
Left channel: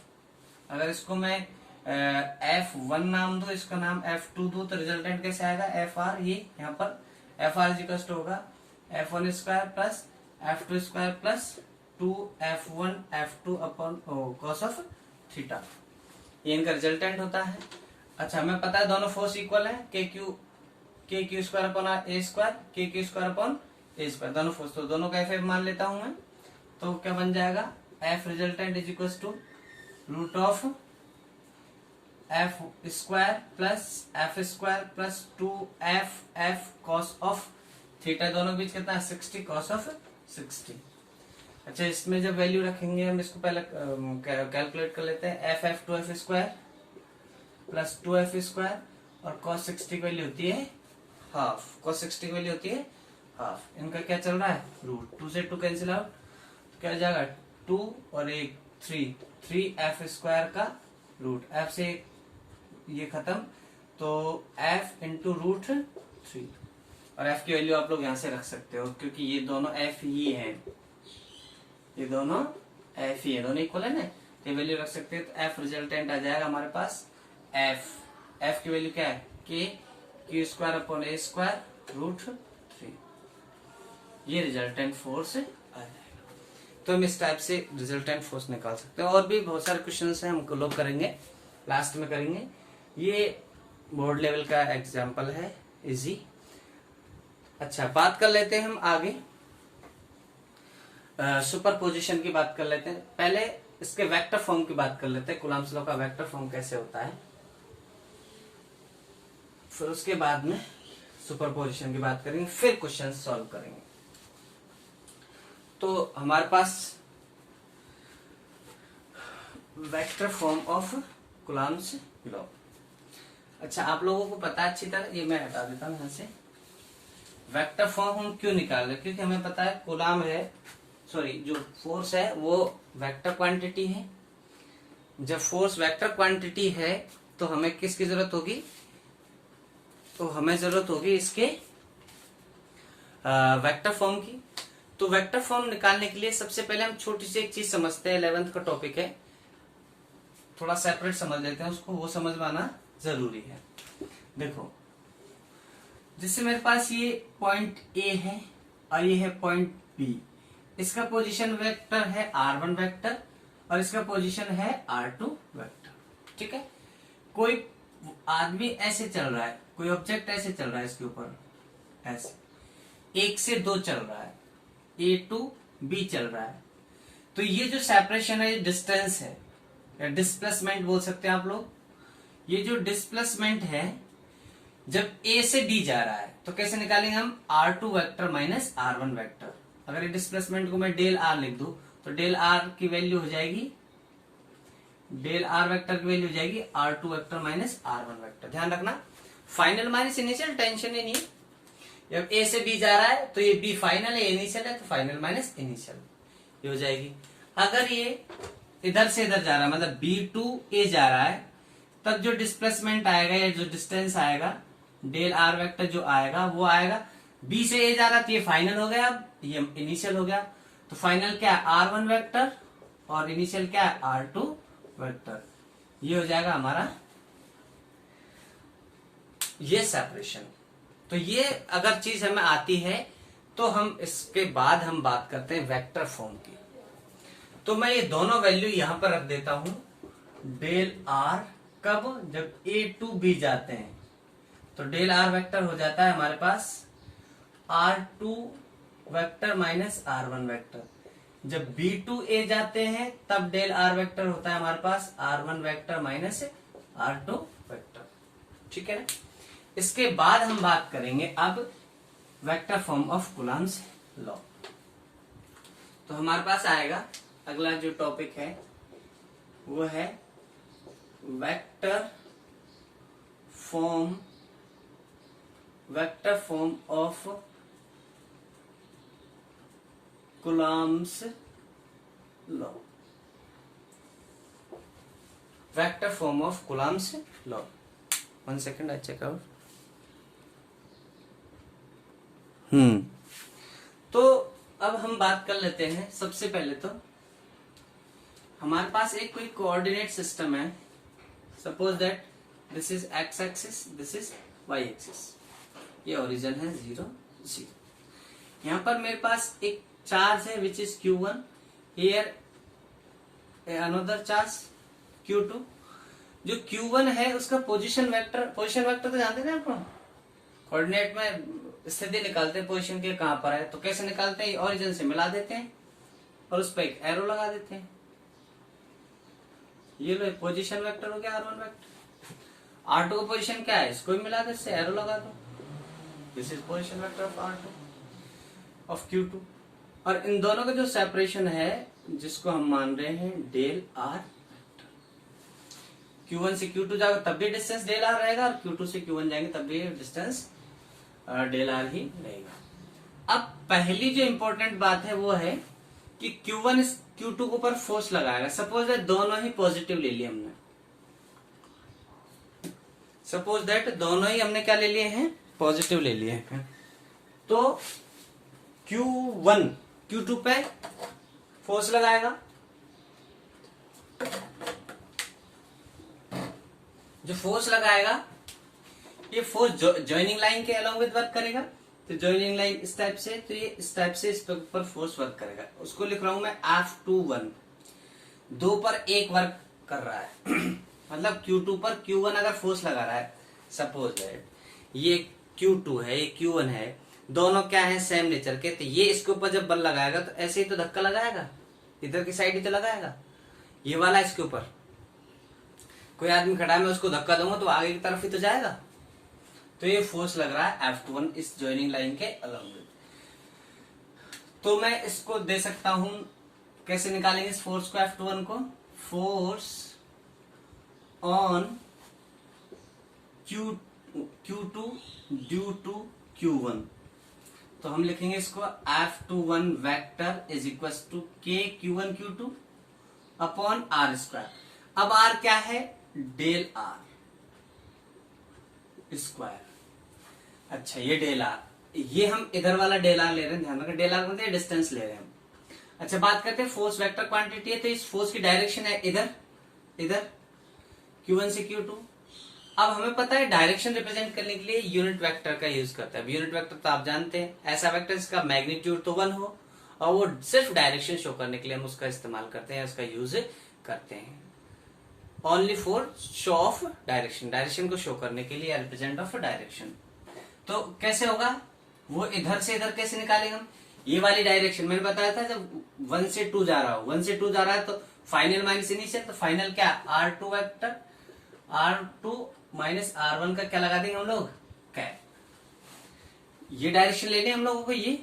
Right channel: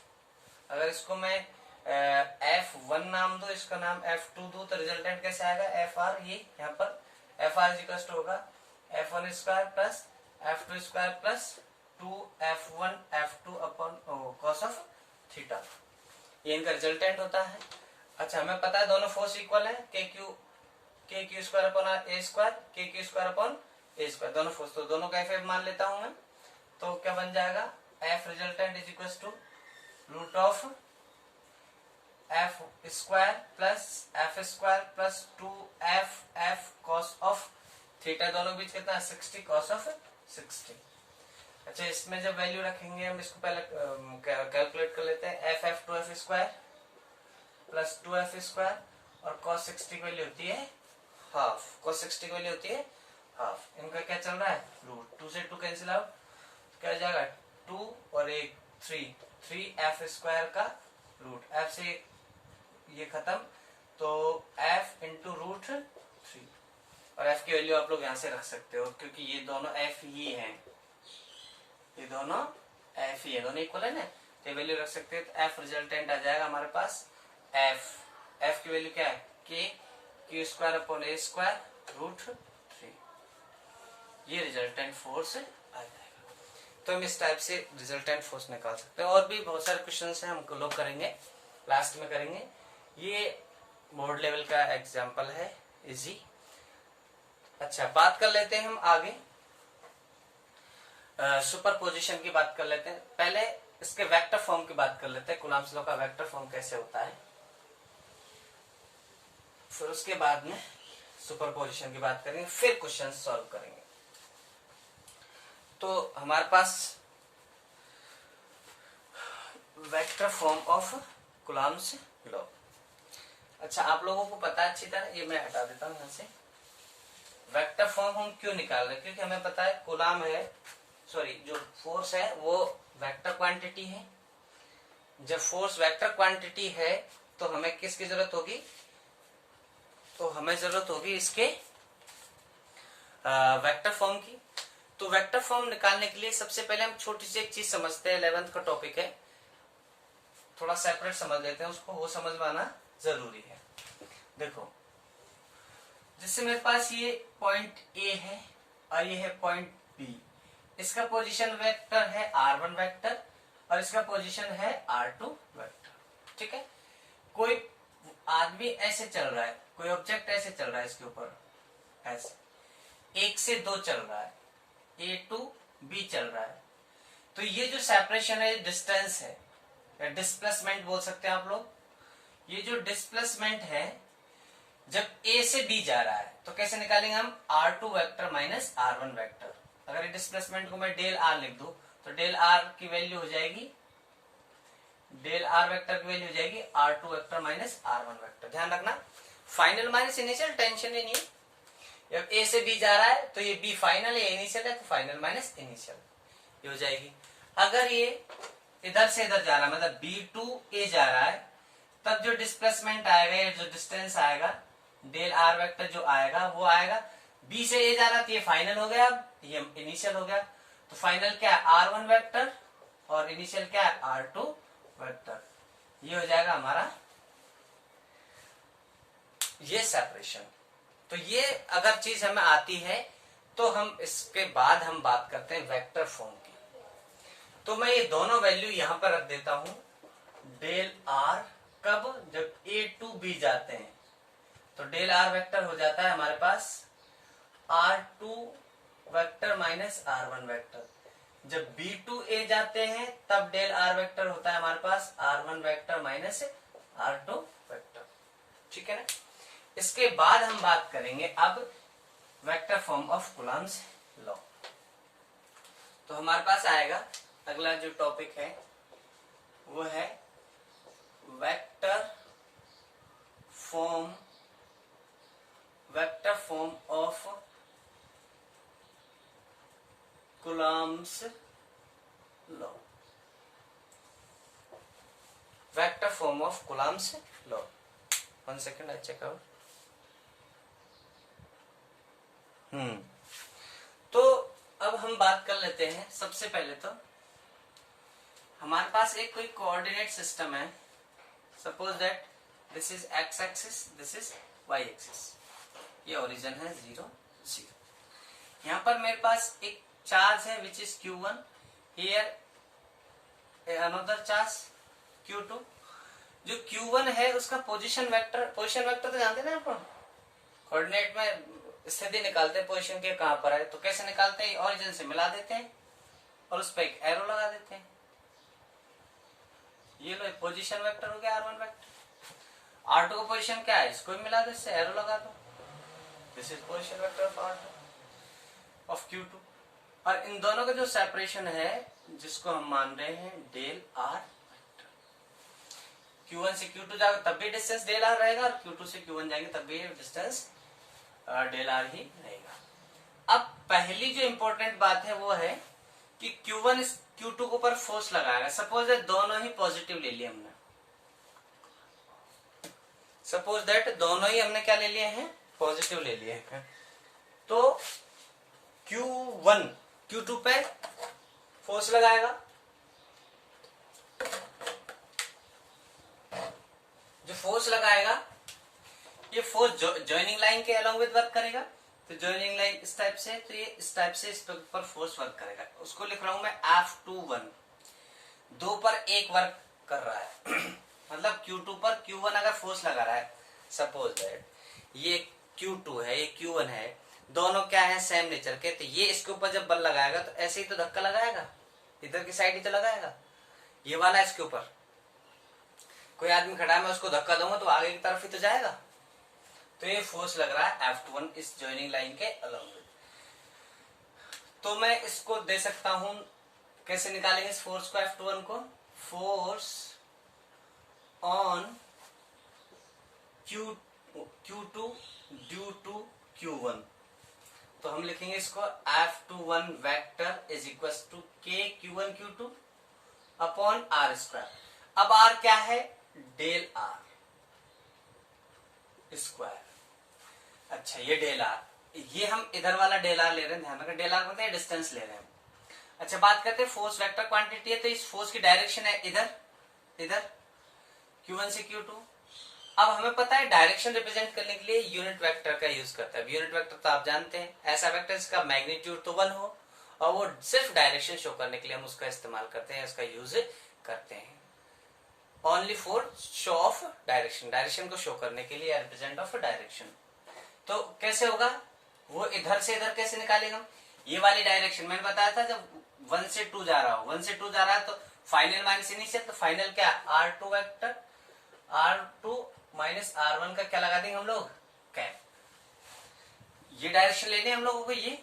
अगर इसको मैं F1 नाम दूं, इसका नाम F2 दूं, तो रिजल्टेंट कैसे आएगा FR। ये यहाँ पर FR इज इक्वल टू होगा F1 square plus F2 square plus 2F1 F2 upon cos of theta, ये इनका रिजल्टेंट होता है। अच्छा हमें पता है दोनों फोर्स इक्वल है, के क्यू स्क्वायर अपॉन ए स्क्वायर, के क्यू स्क्वायर अपॉन ए स्क्वायर, दोनों फोर्स, तो दोनों का F मान लेता हूं मैं। तो क्या बन जाएगा F resultant is equal to root of F square plus F square plus 2f cos of theta, दोनों बीच कितना है 60 कॉस ऑफ 60। अच्छा, इसमें जब वैल्यू रखेंगे हम इसको पहले कैलकुलेट कर लेते हैं। F 2f square plus 2f square और cos 60 की वैल्यू होती है हाफ, cos 60 की वैल्यू होती है हाफ। इनका क्या चल रहा है रूट, 2 से 2 कैंसिल आउट, क्या हो जाएगा 2 और 1 3 एफ स्क्वायर का रूट, एफ से ये खत्म तो एफ इंटू रूट 3, और एफ की वैल्यू आप लोग यहां से रख सकते हो क्योंकि ये दोनों एफ ही है, ये दोनों एफ ही है, दोनों इक्वल है ना, तो वैल्यू रख सकते हैं। तो एफ रिजल्टेंट आ जाएगा हमारे पास एफ की वैल्यू क्या है के क्यू स्क्वायर अपॉन ए स्क्वायर रूट 3, ये रिजल्टेंट फोर्स आ जाएगा। तो हम इस टाइप से रिजल्टेंट फोर्स निकाल सकते हैं। और भी बहुत सारे क्वेश्चन है, हम लोग करेंगे लास्ट में करेंगे। ये बोर्ड लेवल का एग्जाम्पल है, इजी। अच्छा, बात कर लेते हैं हम आगे सुपर पोजिशन की बात कर लेते हैं। पहले इसके वेक्टर फॉर्म की बात कर लेते हैं, कूलम्ब्स लॉ का वेक्टर फॉर्म कैसे होता है, फिर उसके बाद में सुपरपोजिशन की बात करेंगे, फिर क्वेश्चन सॉल्व करेंगे। तो हमारे पास vector form of Coulomb's law. अच्छा, आप लोगों को पता है अच्छी तरह, ये मैं हटा देता हूं यहां से। वेक्टर फॉर्म हम क्यों निकाल रहे हैं, क्योंकि हमें पता है कूलम्ब है, सॉरी जो फोर्स है वो वेक्टर क्वांटिटी है। जब फोर्स वेक्टर क्वांटिटी है तो हमें किसकी जरूरत होगी, तो हमें जरूरत होगी इसके वेक्टर फॉर्म की। तो वेक्टर फॉर्म निकालने के लिए सबसे पहले हम छोटी सी एक चीज समझते हैं, 11th का टॉपिक है, थोड़ा सेपरेट समझ लेते हैं उसको, वो समझ में आना जरूरी है। देखो, जिससे मेरे पास ये पॉइंट ए है और ये है पॉइंट बी, इसका पोजीशन वेक्टर है r1 वेक्टर और इसका पोजीशन है r2 वेक्टर, ठीक है। कोई आदमी ऐसे चल रहा है, कोई ऑब्जेक्ट ऐसे चल रहा है, इसके ऊपर ऐसे 1 से 2 चल रहा है, A टू B चल रहा है। तो ये जो सेपरेशन है, डिस्टेंस है या डिस्प्लेसमेंट बोल सकते हैं आप लोग। ये जो डिस्प्लेसमेंट है जब A से B जा रहा है तो कैसे निकालेंगे हम, r2 vector minus r1 vector. अगर ये डिस्प्लेसमेंट को मैं डेल r लिख दूं तो डेल r की वैल्यू हो जाएगी, डेल r वेक्टर की वैल्यू हो जाएगी r2 vector minus r1 vector. ध्यान रखना, फाइनल माइनस इनिशियल टेंशन ही नहीं है। जब A से B जा रहा है तो ये B फाइनल है, इनिशियल है, तो फाइनल माइनस इनिशियल ये हो जाएगी। अगर ये इधर से इधर जा रहा है, मतलब B टू A जा रहा है, तब जो डिस्प्लेसमेंट आएगा या जो डिस्टेंस आएगा, डेल r वेक्टर जो आएगा वो आएगा, B से A जा रहा तो ये फाइनल हो गया, ये इनिशियल हो गया। तो फाइनल क्या है r1 वेक्टर और इनिशियल क्या है r2 वेक्टर, ये हो जाएगा हमारा ये सेपरेशन। तो ये अगर चीज हमें आती है तो हम इसके बाद हम बात करते हैं वेक्टर फॉर्म की। तो मैं ये दोनों वैल्यू यहां पर रख देता हूं, डेल r कब, जब A टू B जाते हैं तो डेल r वेक्टर हो जाता है हमारे पास r2 vector minus r1 vector. जब B टू A जाते हैं तब डेल r वेक्टर होता है हमारे पास r1 vector minus r2 vector, ठीक है ना। इसके बाद हम बात करेंगे अब vector form of Coulomb's law. तो हमारे पास आएगा अगला जो टॉपिक है वो है vector form of Coulomb's law. Vector form of Coulomb's law, 1 second I check out. तो अब हम बात कर लेते हैं, सबसे पहले तो हमारे पास एक कोई कोऑर्डिनेट सिस्टम है। Suppose that this is x axis, this is y axis, ये ओरिजिन है 0 0। यहां पर मेरे पास एक चार्ज है which is q1, here another charge q2। जो q1 है उसका पोजीशन वेक्टर तो जानते हैं ना आपको, कोऑर्डिनेट में स्थिति निकालते हैं पोजीशन के कहां पर है, तो कैसे निकालते हैं, ओरिजिन से मिला देते हैं और उस पर एक एरो लगा देते हैं। ये लो पोजीशन वेक्टर हो गया r1 वेक्टर, R2 का पोजीशन क्या है, इसको भी मिला दो, इससे एरो लगा दो, this is position vector of R2 of Q2। और इन दोनों का जो सेपरेशन है जिसको हम मान रहे हैं डेल R, Q1 से Q2 जाएगा तब भी डिस्टेंस डेल R रहेगा, और Q2 से Q1 जाएंगे तब भी डिस्टेंस डेल R ही रहेगा। अब पहली जो इंपॉर्टेंट बात है वो है कि Q1 Q2 के ऊपर फोर्स लगाएगा। सपोज दैट दोनों ही पॉजिटिव ले लिए हमने, सपोज दैट दोनों ही हमने क्या ले लिए हैं, पॉजिटिव ले लिए हैं, तो Q1 Q2 पे फोर्स लगाएगा, जो फोर्स लगाएगा ये फोर्स जॉइनिंग लाइन के अलोंग विद वर्क करेगा। तो जॉइनिंग लाइन इस टाइप से, तो ये इस टाइप से इस पर फोर्स वर्क करेगा। उसको लिख रहा हूं मैं F21, 2 पर 1 वर्क कर रहा है मतलब Q2 पर Q1 अगर फोर्स लगा रहा है, सपोज दैट ये Q2 है, ये Q1 है, दोनों क्या है, सेम नेचर के, तो ये इसके ऊपर जब बल लगाएगा तो ऐसे ही तो धक्का लगाएगा, इधर की साइड ही तो लगाएगा, ये वाला इसके ऊपर कोई आदमी खड़ा है, मैं उसको धक्का दूंगा तो आगे की तरफ ही तो जाएगा। तो ये फोर्स लग रहा है F21 इस जॉइनिंग लाइन के अलोंग विद। तो मैं इसको दे सकता हूं, कैसे निकालेंगे इस फोर्स को, F21 को, force on Q2 due to Q1। तो हम लिखेंगे इसको F21 vector is equal to K Q1 Q2 upon R square. अब R क्या है, डेल R स्क्वायर। अच्छा ये डेल R, ये हम इधर वाला डेल R ले रहे हैं, ध्यान रखना डेल R मतलब डिस्टेंस ले रहे हैं। अच्छा बात करते हैं फोर्स वेक्टर क्वांटिटी है, तो इस फोर्स की डायरेक्शन है इधर, इधर Q1 से Q2। अब हमें पता है डायरेक्शन रिप्रेजेंट करने के लिए यूनिट वेक्टर का यूज करता है। यूनिट वेक्टर तो आप जानते हैं, ऐसा वेक्टर जिसका मैग्नीट्यूड तो 1 हो और वो सिर्फ डायरेक्शन शो करने के लिए हम उसका इस्तेमाल करते हैं, उसका यूज करते हैं, only for show off direction, direction को शो करने के लिए, रिप्रेजेंट ऑफ डायरेक्शन। तो कैसे होगा वो, इधर से इधर कैसे निकालेंगे हम, ये वाली डायरेक्शन मैंने बताया था जब 1 से 2 जा रहा हो, 1 से 2 जा रहा है तो फाइनल माइनस इनिशियल, तो फाइनल क्या R2 vector, R2 minus R1 का क्या लगा देंगे हम लोग, कैप। ये डायरेक्शन लेने हम लोगों को, ये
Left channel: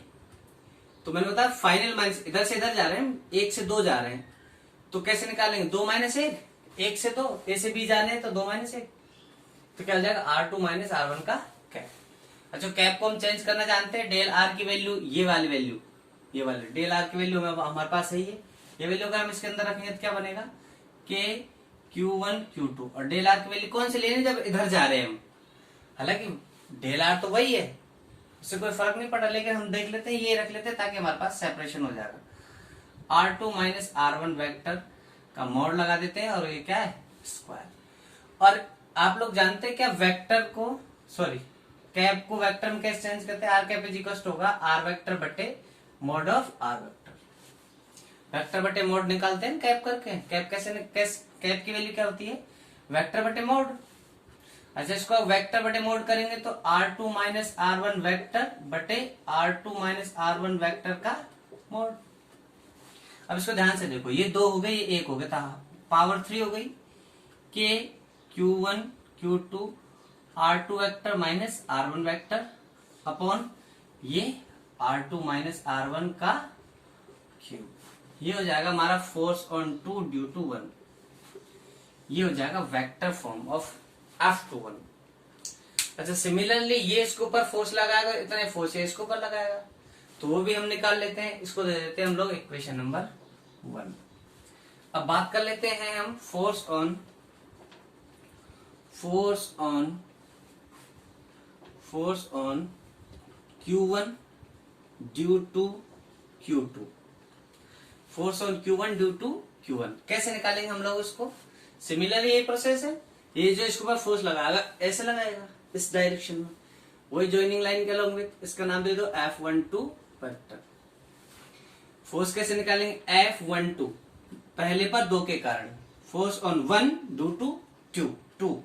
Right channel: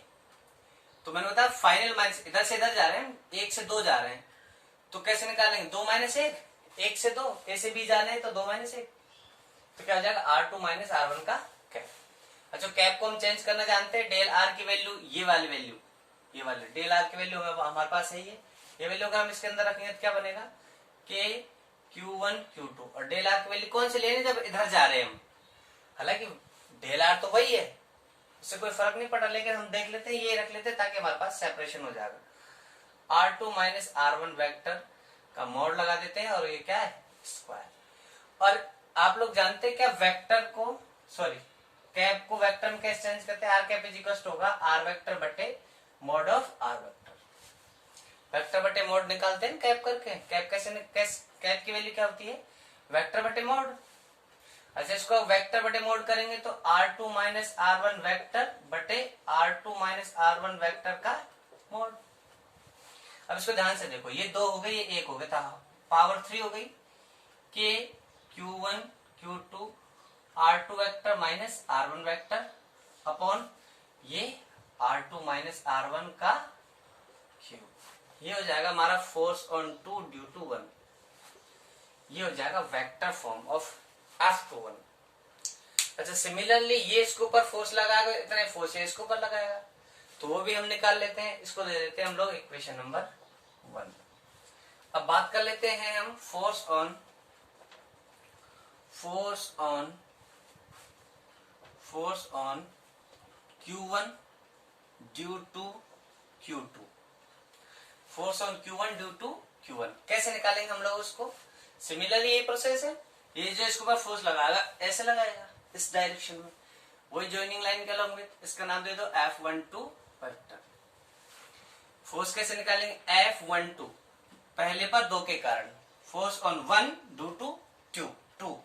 तो मैंने बताया फाइनल माइनस, इधर से इधर जा रहे हैं, 1 से 2 जा रहे हैं, तो कैसे निकालेंगे, 2 माइनस 1, 1 से 2, A से B जा रहे हैं तो 2 माइनस 1, तो क्या हो जाएगा R2 माइनस R1 का कैप। अच्छा कैप को हम चेंज करना जानते हैं, डेल R की वैल्यू, ये वाली वैल्यू, ये वाली डेल R की वैल्यू हमारे पास है, ये वैल्यू अगर हम इसके अंदर रखेंगे तो क्या बनेगा, K Q1 Q2, और डेल R की वैल्यू कौन सी लेनी जब इधर जा रहे हैं हम, हालांकि डेल R तो वही है, उससे कोई फर्क नहीं पड़ा, लेकिन हम देख लेते हैं, ये रख लेते हैं ताकि हमारे पास सेपरेशन हो जाएगा। R2 माइनस R1 वेक्टर का मोड लगा देते हैं, और ये क्या है, स्क्वायर। और आप लोग जानते हैं क्या, वेक्टर को, सॉरी कैप को वेक्टर में कैसे चेंज करते हैं, आर कैप इज इक्वल होगा आर वेक्टर बटे mod of R vector, vector बटे मोड निकालते हैं कैप करके। कैप कैप की वैल्यू क्या होती है, वेक्टर बटे मोड। अच्छा इसको वेक्टर बटे मोड करेंगे तो R2 माइनस R1 वेक्टर बटे R2 माइनस R1 वेक्टर का मोड। अब इसको ध्यान से देखो, ये 2 हो गई, ये 1 हो गया, पावर 3 हो गई, K Q1 Q2 R2 vector minus R1 vector upon ये R2 माइनस R1 का क्यूब। ये हो जाएगा हमारा फोर्स ऑन 2 ड्यू टू 1, ये हो जाएगा वेक्टर फॉर्म ऑफ F21। अच्छा सिमिलरली ये इसके ऊपर फोर्स लगाएगा, इतने फोर्स ये इसके ऊपर लगाएगा, तो वो भी हम निकाल लेते हैं, इसको दे देते हैं हम लोग इक्वेशन नंबर 1। अब बात कर लेते हैं हम force on Q1 due to Q2, force on Q1 due to Q1 कैसे निकालेंगे हम लोग उसको। सिमिलरली यही प्रोसेस है, ये जो इसके ऊपर फोर्स लगाएगा ऐसे लगाएगा इस डायरेक्शन में, वही जॉइनिंग लाइन के अलॉन्ग विद, इसका नाम दे दो F12 वेक्टर। फोर्स कैसे निकालेंगे, F12 पहले पर 2 के कारण, force on 1 due to 2,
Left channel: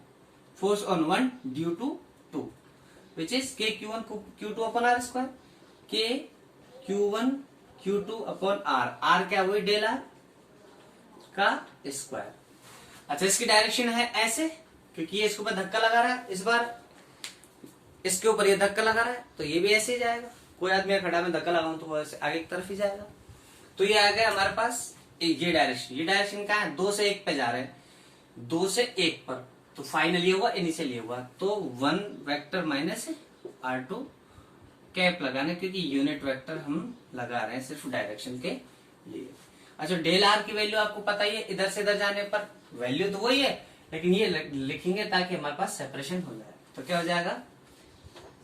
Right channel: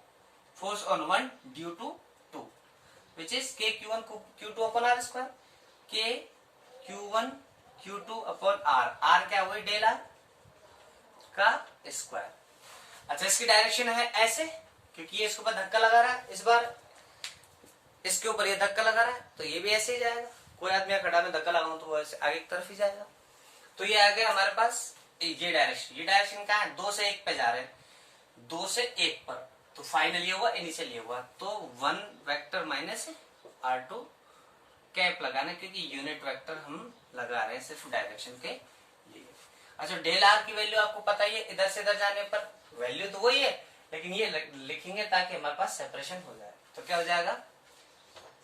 force on 1 due to 2 which is K Q1 Q2 upon R square, K Q1 Q2 upon R क्या वही डेल R का स्क्वायर। अच्छा इसकी डायरेक्शन है ऐसे, क्योंकि ये इसके ऊपर धक्का लगा रहा है, इस बार इसके ऊपर ये धक्का लगा रहा है, तो ये भी ऐसे ही जाएगा। कोई आदमी खड़ा में धक्का लगाऊं तो वो ऐसे आगे की तरफ ही जाएगा। तो ये आ गया हमारे पास ये डायरेक्शन। ये डायरेक्शन कहाँ है, 2 से 1 पे जा रहे हैं, 2 से 1 पर। तो फाइनली हुआ, इनिशियली हुआ, तो 1 वेक्टर माइनस R2 कैप लगाना, क्योंकि यूनिट वेक्टर हम लगा रहे हैं सिर्फ डायरेक्शन के लिए। अच्छा, डेल आर की वैल्यू आपको पता ही है, इधर से इधर जाने पर वैल्यू तो वही है, लेकिन ये लिखेंगे ताकि हमारे पास सेपरेशन हो जाए। तो क्या हो जाएगा,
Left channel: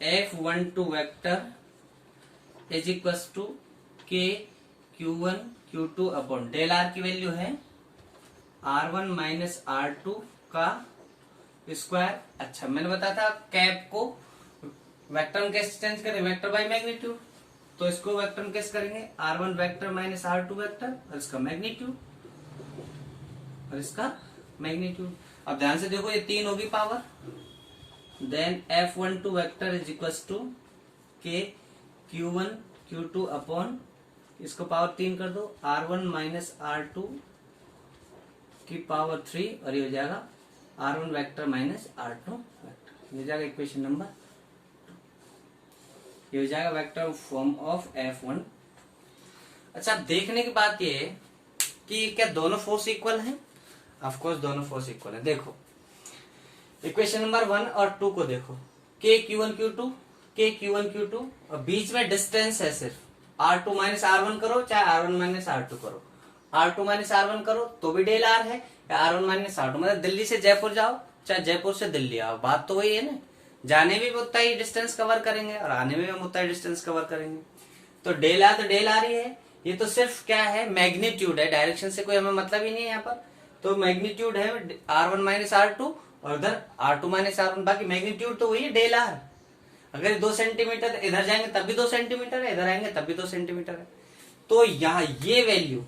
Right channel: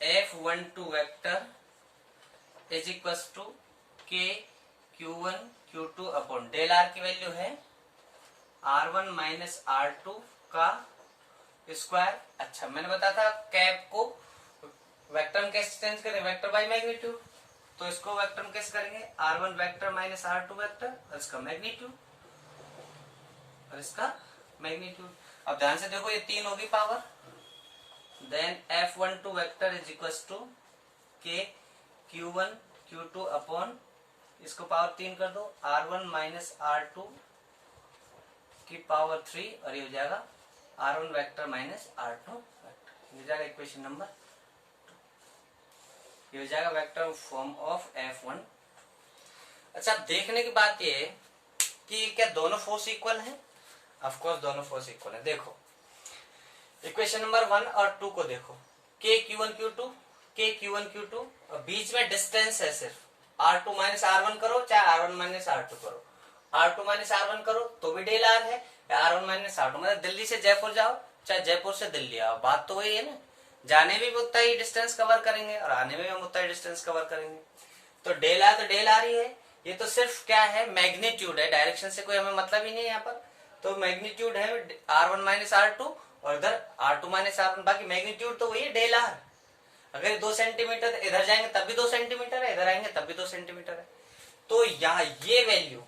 F12 vector is equal to K Q1 Q2 upon del R की वैल्यू है R1 माइनस R2 का स्क्वायर। अच्छा, मैंने बताया था कैप को वेक्टर में कैसे चेंज करें, वेक्टर बाय मैग्नीट्यूड। तो इसको वेक्टर में कैसे करेंगे, R1 vector minus R2 vector और इसका मैग्नीट्यूड और इसका मैग्नीट्यूड। अब ध्यान से देखो, ये 3 होगी power, then F12 vector is equal to K Q1 Q2 upon इसको पावर 3 कर दो, R1 माइनस R2 की पावर 3 और ये हो जाएगा R1 vector minus R2 vector. ये हो जाएगा इक्वेशन नंबर 2। ये हो जाएगा वेक्टर फॉर्म ऑफ F1। अच्छा, अब देखने की बात ये है कि क्या दोनों फोर्स इक्वल हैं? ऑफ कोर्स दोनों फोर्स इक्वल है। देखो इक्वेशन नंबर 1 और 2 को देखो, के Q1 Q2, के Q1 Q2 और बीच में डिस्टेंस है सिर्फ R2 माइनस R1 करो चाहे R1 माइनस R2 करो, R2 माइनस R1 करो तो भी डेल आर है, या R1 माइनस R2, मतलब दिल्ली से जयपुर जाओ चाहे जयपुर से दिल्ली आओ, बात तो वही है ना। जाने में भी उतना ही डिस्टेंस कवर करेंगे और आने में भी हम उतना ही डिस्टेंस कवर करेंगे। तो डेल आर तो डेल आर ही है। ये तो सिर्फ क्या है, मैग्नीट्यूड है, डायरेक्शन से कोई हमें मतलब ही नहीं है यहाँ पर। तो मैग्नीट्यूड है R1 माइनस R2 और इधर R2 माइनस R1, बाकी मैग्नीट्यूड तो वही है डेल आर। अगर 2 सेंटीमीटर इधर जाएंगे तब भी 2 सेंटीमीटर है, इधर आएंगे तब भी 2 सेंटीमीटर है। तो यहाँ ये वैल्यू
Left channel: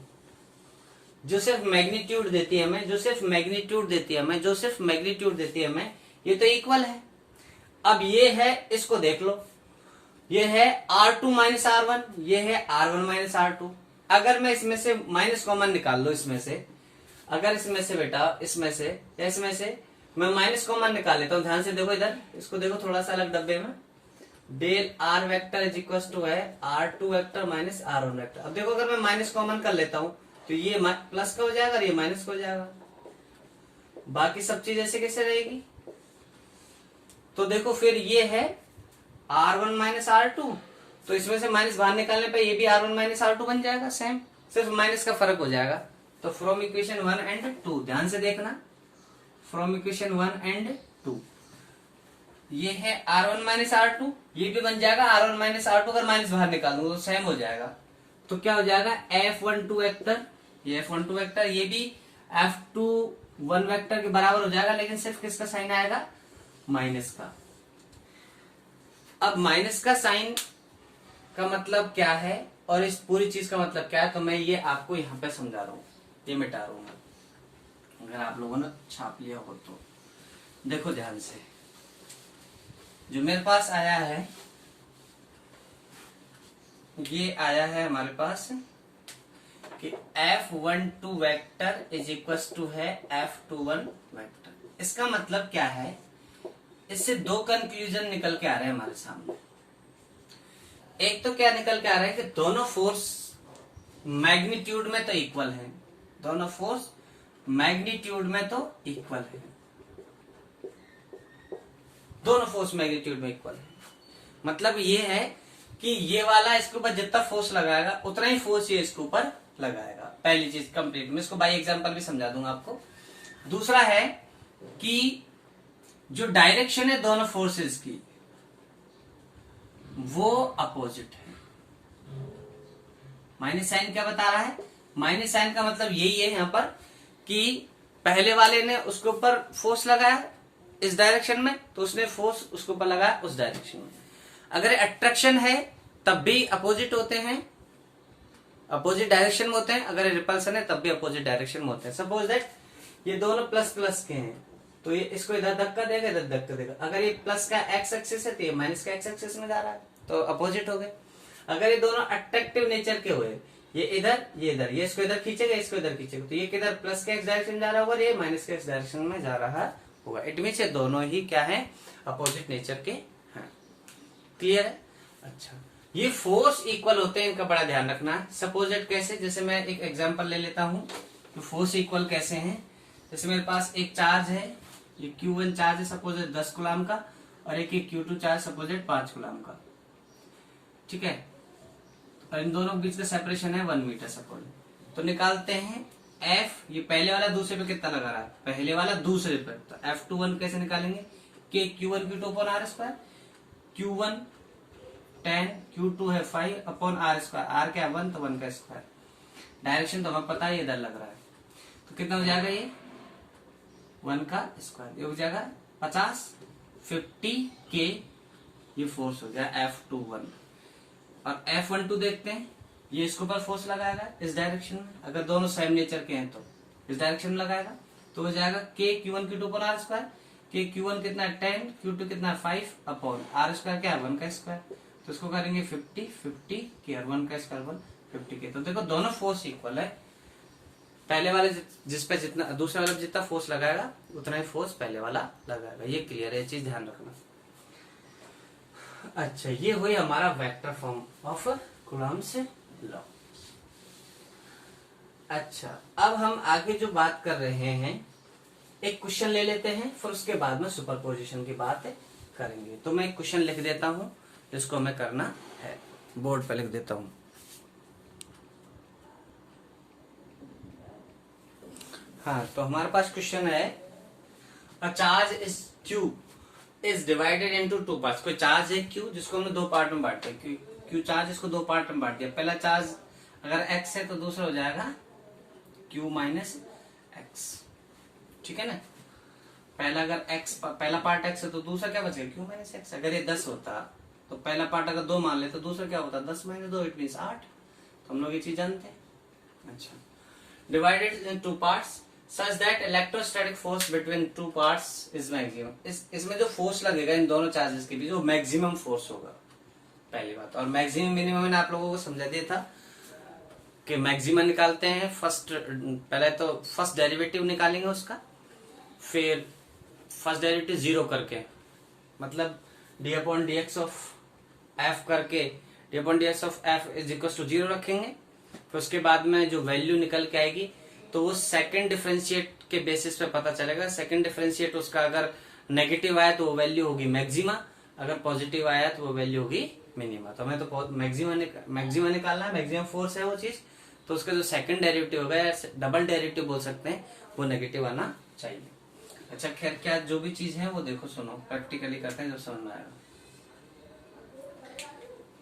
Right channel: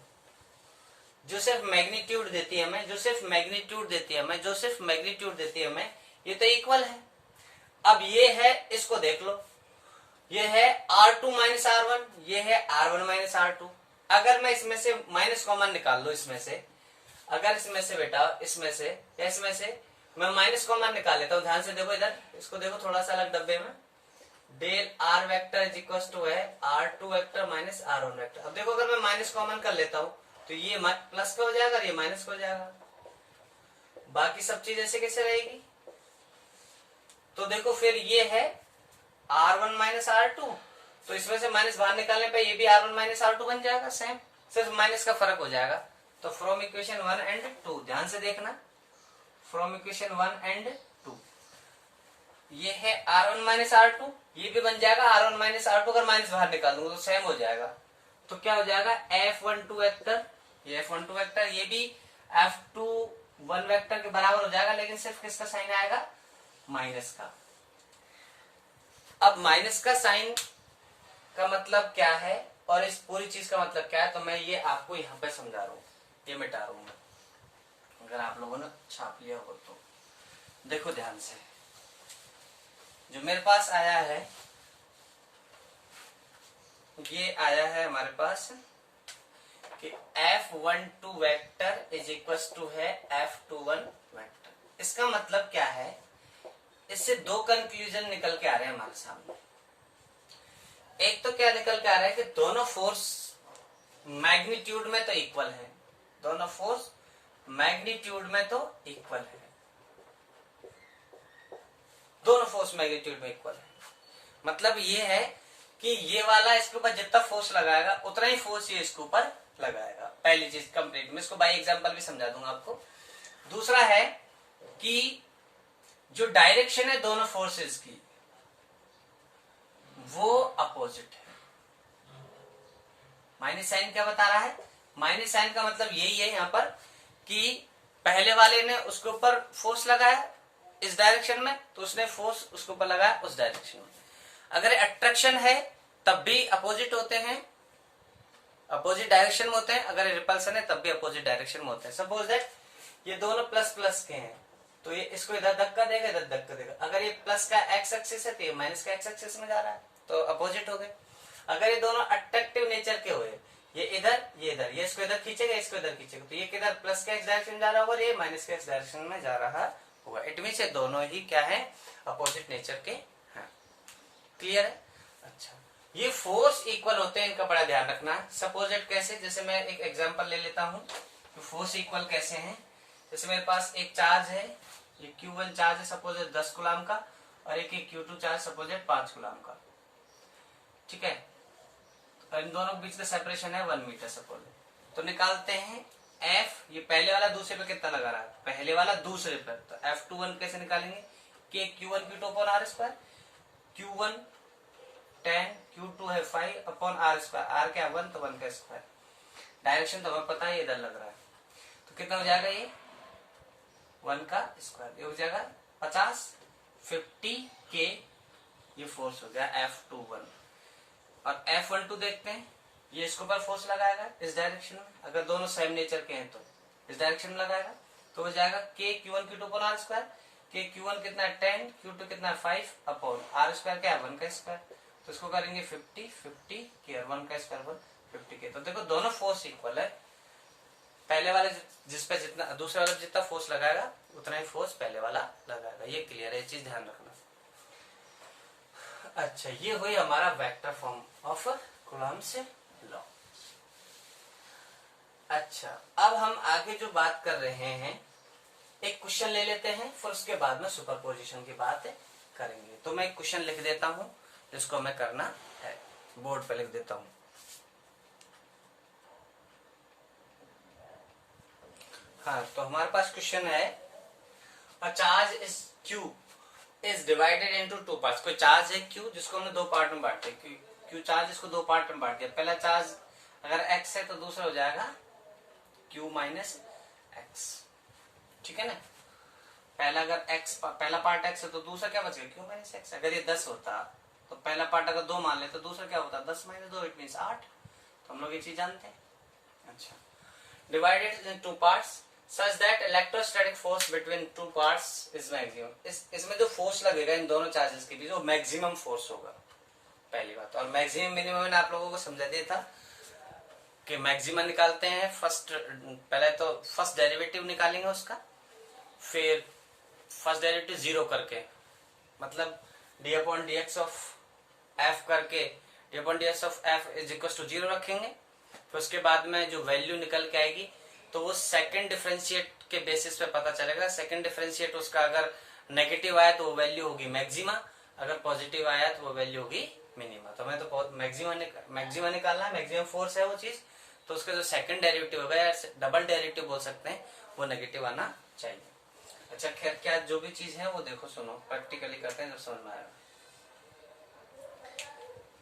जो सिर्फ मैग्नीट्यूड देती है हमें, जो सिर्फ मैग्नीट्यूड देती है हमें, जो सिर्फ मैग्नीट्यूड देती है हमें, ये तो इक्वल है। अब ये है, इसको देख लो, ये है R2 माइनस R1, ये है R1 माइनस R2। अगर मैं इसमें से माइनस कॉमन निकाल लो, इसमें से अगर इसमें से बेटा इसमें से या इसमें से मैं माइनस कॉमन निकाल लेता हूं, ध्यान से देखो इधर, इसको देखो थोड़ा सा अलग डब्बे में, del R vector is equal to है R2 vector minus R1 vector. अब देखो अगर मैं माइनस कॉमन कर लेता हूं तो ये प्लस का हो जाएगा और ये माइनस का हो जाएगा, बाकी सब चीज ऐसे कैसे रहेगी। तो देखो फिर ये है R1 माइनस R2, तो इसमें से माइनस बाहर निकालने पे ये भी R1 माइनस R2 बन जाएगा, सेम, सिर्फ माइनस का फर्क हो जाएगा। तो फ्रॉम इक्वेशन 1 एंड 2 ध्यान से देखना, फ्रॉम इक्वेशन 1 एंड 2 ये है R1 माइनस R2, ये भी बन जाएगा R1 माइनस R2, अगर माइनस बाहर निकाल दूंगा तो सेम हो जाएगा। तो क्या हो जाएगा, F12 वेक्टर, ये F12 वेक्टर, ये भी F21 वेक्टर के बराबर हो जाएगा, लेकिन सिर्फ किसका साइन आएगा, माइनस का। अब माइनस का साइन का मतलब क्या है और इस पूरी चीज का मतलब क्या है, तो मैं ये आपको यहाँ पे समझा रहा हूँ, ये मिटा रहा हूँ, अगर आप लोगों ने छाप लिया हो तो देखो ध्यान से। जो मेरे पास आया है, ये आया है हमारे पास कि F12 vector is equal to है F21 वेक्टर। इसका मतलब क्या है, इससे 2 कंक्लूजन निकल के आ रहे हैं हमारे सामने। एक तो क्या निकल के आ रहा है कि दोनों फोर्स मैग्नीट्यूड में तो इक्वल है, दोनों फोर्स मैग्नीट्यूड में तो इक्वल है, दोनों फोर्स मैग्नीट्यूड में इक्वल है। मतलब ये है कि ये वाला इसके ऊपर जितना फोर्स लगाएगा उतना ही फोर्स ये इसके ऊपर लगाएगा। पहली चीज कंप्लीट, मैं इसको बाई एग्जांपल भी समझा दूंगा आपको। दूसरा है कि जो डायरेक्शन है दोनों फोर्सेस की वो अपोजिट है। माइनस साइन क्या बता रहा है, माइनस साइन का मतलब यही है यहाँ पर कि पहले वाले ने उसके ऊपर फोर्स लगाया इस डायरेक्शन में, तो उसने फोर्स उसके ऊपर लगाया उस डायरेक्शन में। अगर अट्रैक्शन है तब भी अपोजिट होते हैं, अपोजिट डायरेक्शन में होते हैं। अगर रिपल्सन है तब भी अपोजिट डायरेक्शन में होते हैं। सपोज दैट ये दोनों प्लस प्लस के हैं, तो ये इसको इधर धक्का देगा, इधर धक्का देगा। अगर ये प्लस का एक्स एक्सिस है तो ये माइनस का एक्स एक्सिस में जा रहा है, तो अपोजिट हो गए। अगर ये दोनों अट्रैक्टिव नेचर के हुए, ये इधर ये इधर, ये इसको इधर खींचेगा, इसको इधर खींचेगा, तो ये किधर प्लस के एक्स डायरेक्शन जा रहा होगा और ये माइनस के एक्स डायरेक्शन में जा रहा होगा। इट मीन्स ये दोनों ही क्या है, अपोजिट नेचर के हैं। क्लियर है? अच्छा, ये फोर्स इक्वल होते हैं, इनका बड़ा ध्यान रखना है। सपोजिट कैसे, जैसे मैं एक एग्जांपल ले लेता हूं कि फोर्स इक्वल कैसे हैं। जैसे मेरे पास एक चार्ज है, ये Q1 चार्ज है सपोजिट 10 कूलम का, और एक Q2 चार्ज सपोजिट 5 कूलम का, ठीक है। और इन दोनों के बीच का सेपरेशन है 1 मीटर सपोज। तो निकालते हैं F, ये पहले वाला दूसरे पे कितना लगा रहा है, पहले वाला दूसरे पे, तो F21 कैसे निकालेंगे, K Q1 Q2 upon R square, Q1 10, Q2 है 5 अपॉन R स्क्वायर, R क्या 1, तो 1 का स्क्वायर। डायरेक्शन तो हमें पता है, इधर लग रहा है, तो कितना हो जाएगा ये 1 का स्क्वायर, ये हो जाएगा 50, 50 K, ये फोर्स हो गया F21। और F12 देखते हैं, ये इसके ऊपर फोर्स लगाएगा इस डायरेक्शन में, अगर दोनों सेम नेचर के हैं तो इस डायरेक्शन में लगाएगा, तो हो जाएगा K Q1 Q2 upon R square. K Q1 कितना है 10, Q2 कितना है 5 अपॉन R स्क्वायर क्या है 1 का स्क्वायर, तो इसको करेंगे 50, 50 K और 1 का स्क्वायर 1, 50 K। तो देखो दोनों फोर्स इक्वल है, पहले वाले जिस पे जितना, दूसरे वाला जितना फोर्स लगाएगा उतना ही फोर्स पहले वाला लगाएगा। ये क्लियर है, ये चीज ध्यान रखना। अच्छा, ये हुई हमारा vector form of Coulomb's law. अच्छा, अब हम आगे जो बात कर रहे हैं, एक क्वेश्चन ले लेते हैं, फिर उसके बाद में सुपरपोजिशन की बात करेंगे। तो मैं एक क्वेश्चन लिख देता हूं, जिसको हमें करना है, बोर्ड पे लिख देता हूं। हाँ, तो हमारे पास क्वेश्चन है, a charge is Q is divided into 2 parts. कोई चार्ज है Q जिसको हमने 2 पार्ट में बांट दिया, Q चार्ज इसको 2 पार्ट में बांट दिया। पहला चार्ज अगर X है तो दूसरा हो जाएगा Q माइनस X, ठीक है ना। पहला अगर X, पहला पार्ट X है तो दूसरा क्या बचेगा Q माइनस X। अगर ये 10 होता तो पहला पार्ट अगर 2 मान ले तो दूसरा क्या होता 10 माइनस 2, इट मीन्स 8। तो हम लोग ये चीज जानते हैं। अच्छा, divided in 2 parts such that electrostatic force between two parts is maximum। इसमें जो फोर्स लगेगा इन दोनों चार्जेस के बीच वो मैक्सिमम फोर्स होगा, पहली बात। और मैक्सिमम मिनिमम मैंने आप लोगों को समझा दिया था कि मैक्सिमम निकालते हैं पहले तो फर्स्ट डेरिवेटिव निकालेंगे उसका, फिर फर्स्ट डेरिवेटिव 0 करके, मतलब d upon D x of f करके, d upon D x of F is equal to 0 रखेंगे। फिर उसके बाद में जो वैल्यू निकल के आएगी तो वो सेकंड डिफरेंशिएट के बेसिस पे पता चलेगा। सेकंड डिफरेंशिएट उसका अगर नेगेटिव आया तो वो वैल्यू होगी मैक्सिमा, अगर पॉजिटिव आया तो वो वैल्यू होगी मिनिमा। तो हमें तो मैक्सिमा निकालना है, मैक्सिमम फोर्स है वो चीज, तो उसका जो सेकंड डेरिवेटिव होगा या डबल डेरिवेटिव बोल सकते हैं, वो नेगेटिव आना चाहिए। अच्छा, खैर क्या जो भी चीज है वो देखो, सुनो, प्रैक्टिकली करते हैं जब समझ में आएगा।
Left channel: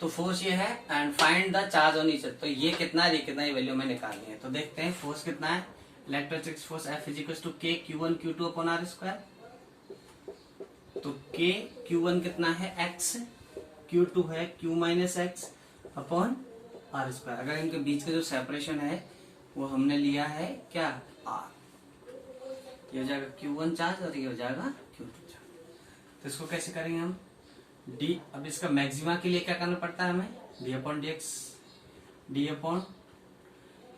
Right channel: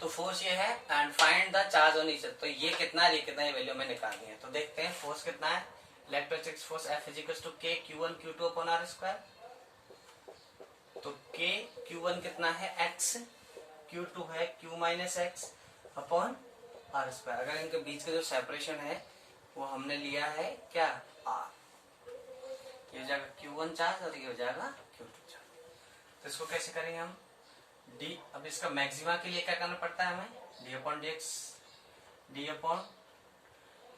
तो फोर्स ये है and find the charge on each. तो ये कितना है, कितना ये वैल्यू में निकालनी है। तो देखते हैं फोर्स कितना है। Electrostatic force F is equal to K Q1 Q2 upon R square. तो K Q1 कितना है X, Q2 है Q minus X upon R square. अगर इनके बीच का जो सेपरेशन है वो हमने लिया है क्या R, ये हो जाएगा Q1 चार्ज और ये हो जाएगा Q2 चार्ज। तो इसको कैसे करेंगे हम, D, अब इसका मैक्सिमा के लिए क्या करना पड़ता है हमें, D upon D X, D upon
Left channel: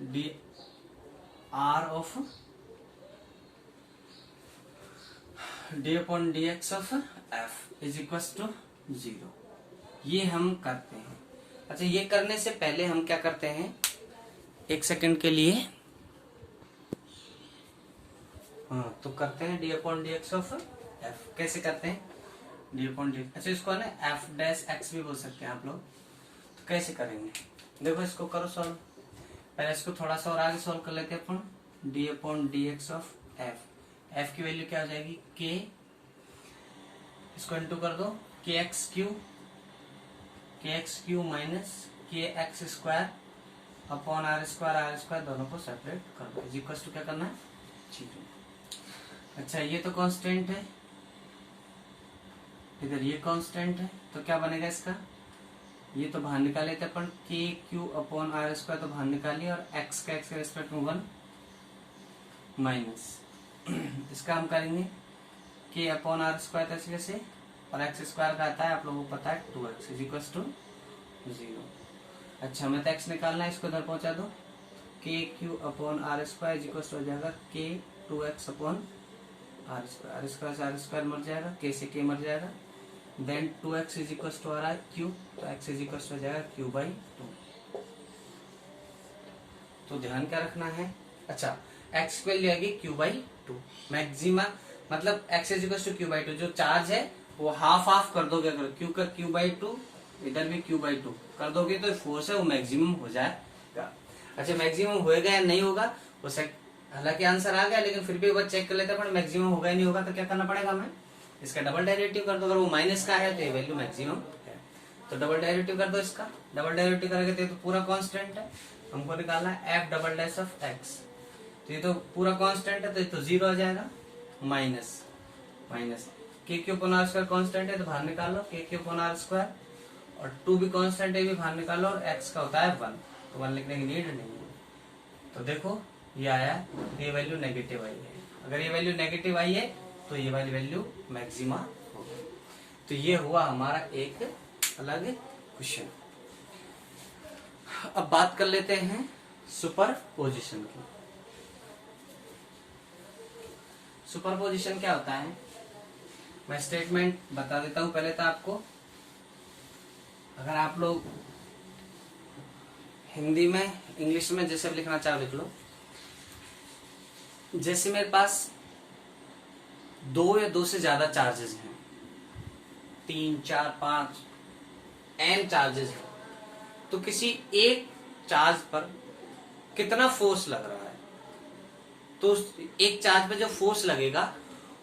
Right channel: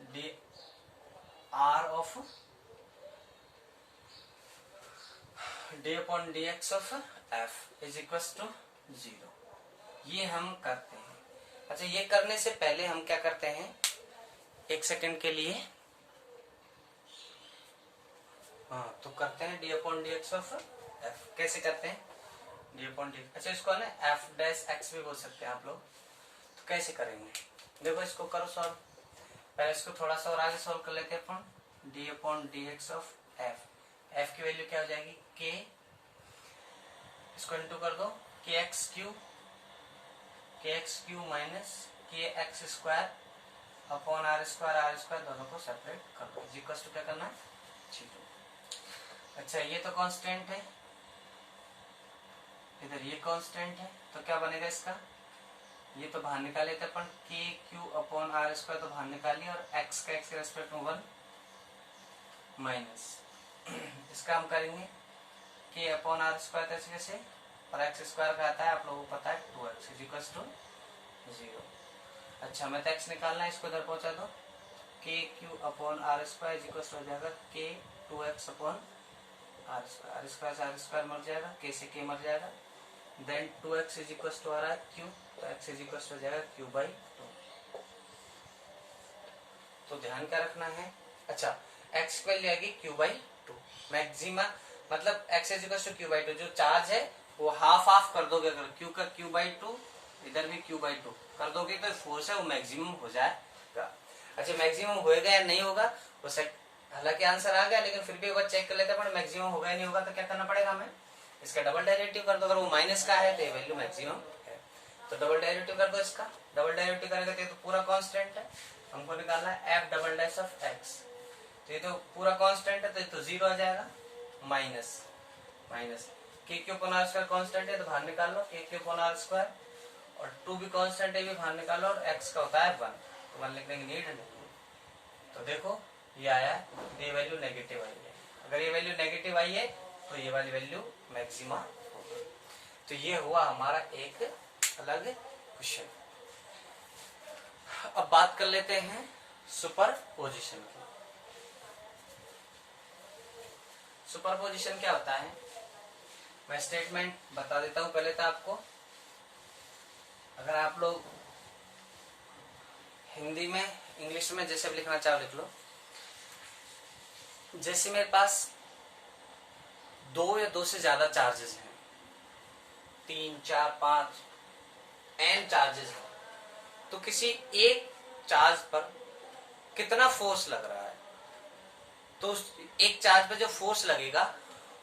D R of D upon D x of F is equal to 0। ये हम करते हैं। अच्छा, ये करने से पहले हम क्या करते हैं, एक सेकंड के लिए, हाँ, तो करते हैं D upon D x of F. कैसे करते हैं, डी अपॉन डी, अच्छा इसको ना एफ डैश एक्स भी बोल सकते हैं आप लोग। तो कैसे करेंगे, देखो इसको करो सॉल्व। पहले इसको थोड़ा सा और आगे सॉल्व कर लेते हैं अपन। D upon D x of f, f की वैल्यू क्या हो जाएगी के, इसको इंटू कर दो k x q minus k x square upon are square, दोनों को सेपरेट कर दो। इक्वल टू क्या करना है 0। अच्छा, ये तो कांस्टेंट है, इधर ये कांस्टेंट है, तो क्या बनेगा इसका, ये तो बाहर निकाले थे अपन, के क्यू अपॉन आर स्क्वायर तो बाहर निकालिए, और एक्स का एक्स के रेस्पेक्ट में 1 माइनस इसका हम करेंगे के अपॉन आर स्क्वायर ऐसे कैसे, और एक्स स्क्वायर का आता है आप लोगों को पता है 2x इज इक्वल टू 0। अच्छा, हमें तो एक्स निकालना है, इसको इधर पहुंचा दो, K Q upon are square is equal to हो जाएगा K 2x upon are square से आर स्क्वायर मर जाएगा, के से के मर जाएगा, then 2x is equal to R Q, तो x इज इक्वल टू हो जाएगा क्यू बाई 2। तो ध्यान क्या रखना है, अच्छा x की वैल्यू आएगी क्यू बाई 2, मैक्सिमम मतलब x is equal to Q by 2, जो चार्ज है वो हाफ हाफ कर दोगे, अगर क्यू का क्यू बाई 2 इधर भी क्यू बाई 2 कर दोगे तो फोर्स है वो मैक्सिमम हो जाएगा। अच्छा मैक्सिमम होएगा या नहीं होगा वो हालांकि आंसर आ गया लेकिन फिर भी एक बार चेक कर लेते हैं, पर मैक्सिमम होगा या नहीं होगा तो क्या करना पड़ेगा हमें, इसका डबल डेरिवेटिव कर दो, अगर वो माइनस का है तो ये वैल्यू मैक्सिमम है, तो डबल डेरिवेटिव कर दो इसका, डबल डेरिवेटिव करेंगे तो पूरा कांस्टेंट है, हमको निकालना है F double dash of x, तो ये तो पूरा कांस्टेंट है तो ये तो जीरो आ जाएगा, minus minus K Q upon are square constant है तो बाहर निकाल लो के क्यू अपॉन आर स्क्वायर, और 2 भी कांस्टेंट है भी बाहर निकाल लो, और x का होता है 1, तो 1 लिखने की नीड नहीं है। तो देखो ये आया, ये वैल्यू नेगेटिव आई है, अगर ये वैल्यू नेगेटिव आई है तो ये वाली वैल्यू मैक्सिमा होगी। तो ये हुआ हमारा एक अलग क्वेश्चन। अब बात कर लेते हैं सुपरपोजिशन की। सुपरपोजिशन क्या होता है, मैं स्टेटमेंट बता देता हूं पहले तो आपको, अगर आप लोग हिंदी में इंग्लिश में जैसे लिखना चाहो लिख लो। जैसे मेरे पास 2 या 2 से ज्यादा चार्जेस हैं, 3, 4, 5 n चार्जेस हैं, तो किसी एक चार्ज पर कितना फोर्स लग रहा है, तो एक चार्ज पर जो फोर्स लगेगा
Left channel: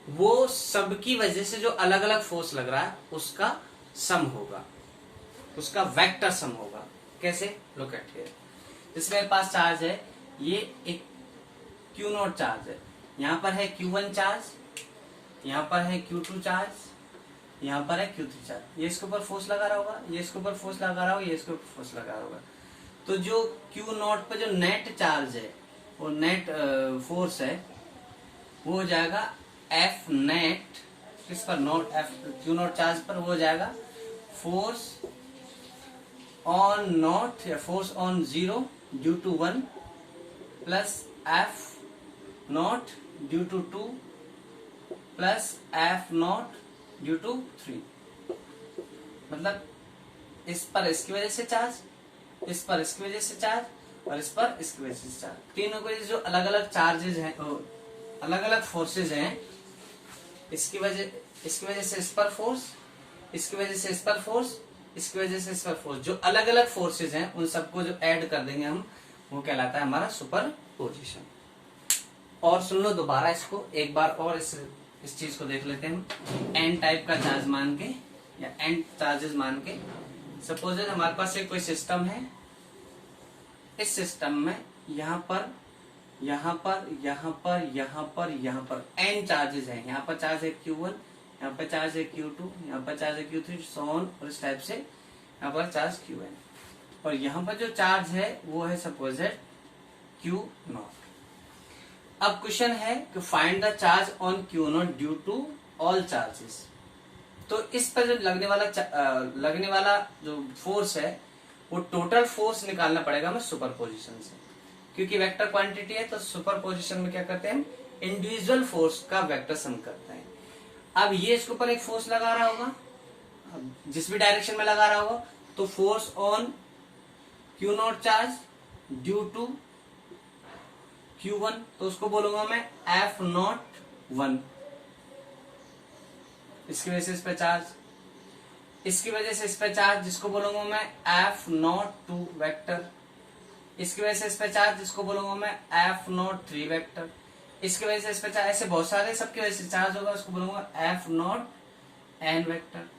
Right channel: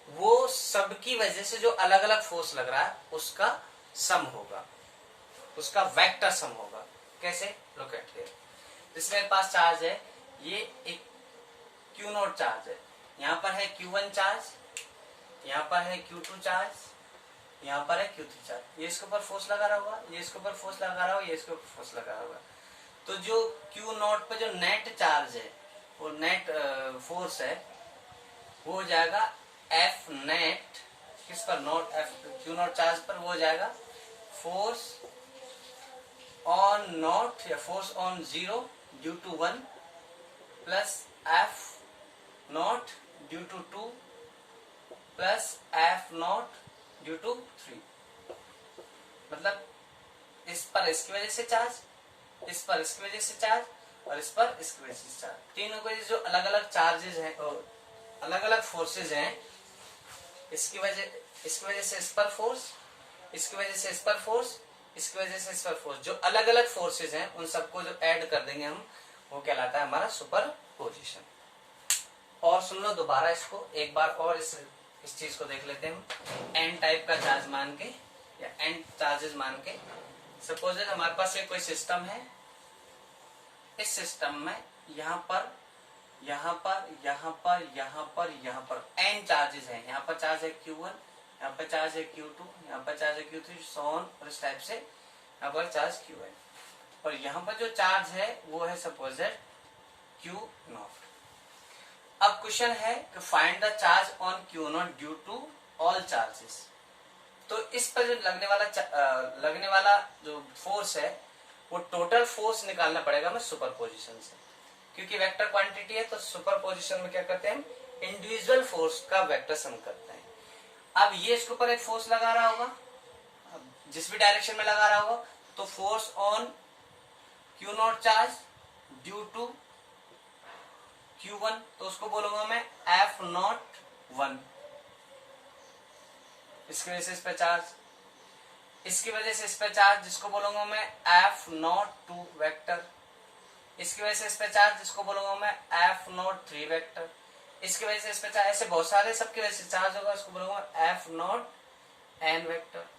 वो सबकी वजह से जो अलग अलग फोर्स लग रहा है उसका सम होगा, उसका वेक्टर सम होगा। कैसे, लुक एट हियर, जैसे मेरे पास चार्ज है, ये एक क्यू नॉट चार्ज है, यहाँ पर है Q1 चार्ज, यहाँ पर है Q2 चार्ज, यहाँ पर है Q3 चार्ज, ये इसके ऊपर फोर्स लगा रहा होगा, ये इसके ऊपर फोर्स लगा रहा होगा, ये इसके ऊपर फोर्स लगा रहा होगा। तो जो Q नॉट पे जो नेट चार्ज है, वो नेट फोर्स है, वो हो जाएगा F नेट, किस पर, naught F Q naught charge पर, वो हो जाएगा फोर्स ऑन नॉट या force on 0 due to 1 plus F naught due to 2 plus F naught due to 3। मतलब इस पर इसकी वजह से चार्ज, इस पर इसकी वजह से चार्ज, और इस पर इसकी वजह से चार्ज, तीनों की जो अलग अलग चार्जेज हैं, अलग अलग फोर्सेज हैं, इसकी वजह से इस पर फोर्स, इसकी वजह से इस पर फोर्स, इसकी वजह से इस पर फोर्स, जो अलग अलग फोर्सेज हैं उन सबको जो ऐड कर देंगे हम, वो कहलाता है हमारा सुपरपोजिशन। और सुन लो दोबारा इसको एक बार और, इस चीज को देख लेते हैं हम, एन टाइप का चार्ज मान के या एन चार्जेस मान के। सपोज हमारे पास एक कोई सिस्टम है, इस सिस्टम में यहाँ पर यहाँ पर यहाँ पर यहाँ पर यहाँ पर n चार्जेस हैं, यहाँ पर चार्ज है Q1, यहाँ पर चार्ज है Q2, यहाँ पर चार्ज है Q3, सो ऑन, और इस टाइप से यहाँ पर चार्ज Qn, और यहाँ पर जो चार्ज है वो है सपोज है Q नॉट। अब क्वेश्चन है कि find the charge on Q naught due to all charges. तो इस पर जो लगने वाला जो फोर्स है वो टोटल फोर्स निकालना पड़ेगा हमें सुपरपोजिशन से, क्योंकि वेक्टर क्वांटिटी है तो सुपरपोजिशन में क्या करते हैं हम, इंडिविजुअल फोर्स का वेक्टर सम करते हैं। अब ये इसके ऊपर एक फोर्स लगा रहा होगा, जिस भी डायरेक्शन में लगा रहा होगा, तो force on Q naught charge due to Q1, तो उसको बोलूंगा मैं F नॉट 1, इसकी वजह से इस पे चार्ज, इसकी वजह से इस पे चार्ज, जिसको बोलूंगा मैं F नॉट 2 वेक्टर, इसकी वजह से इस पे चार्ज, जिसको बोलूंगा मैं F नॉट 3 वेक्टर, इसकी वजह से इस पे चार्ज, ऐसे बहुत सारे सबकी वजह से चार्ज होगा, उसको बोलूंगा F नॉट n वेक्टर।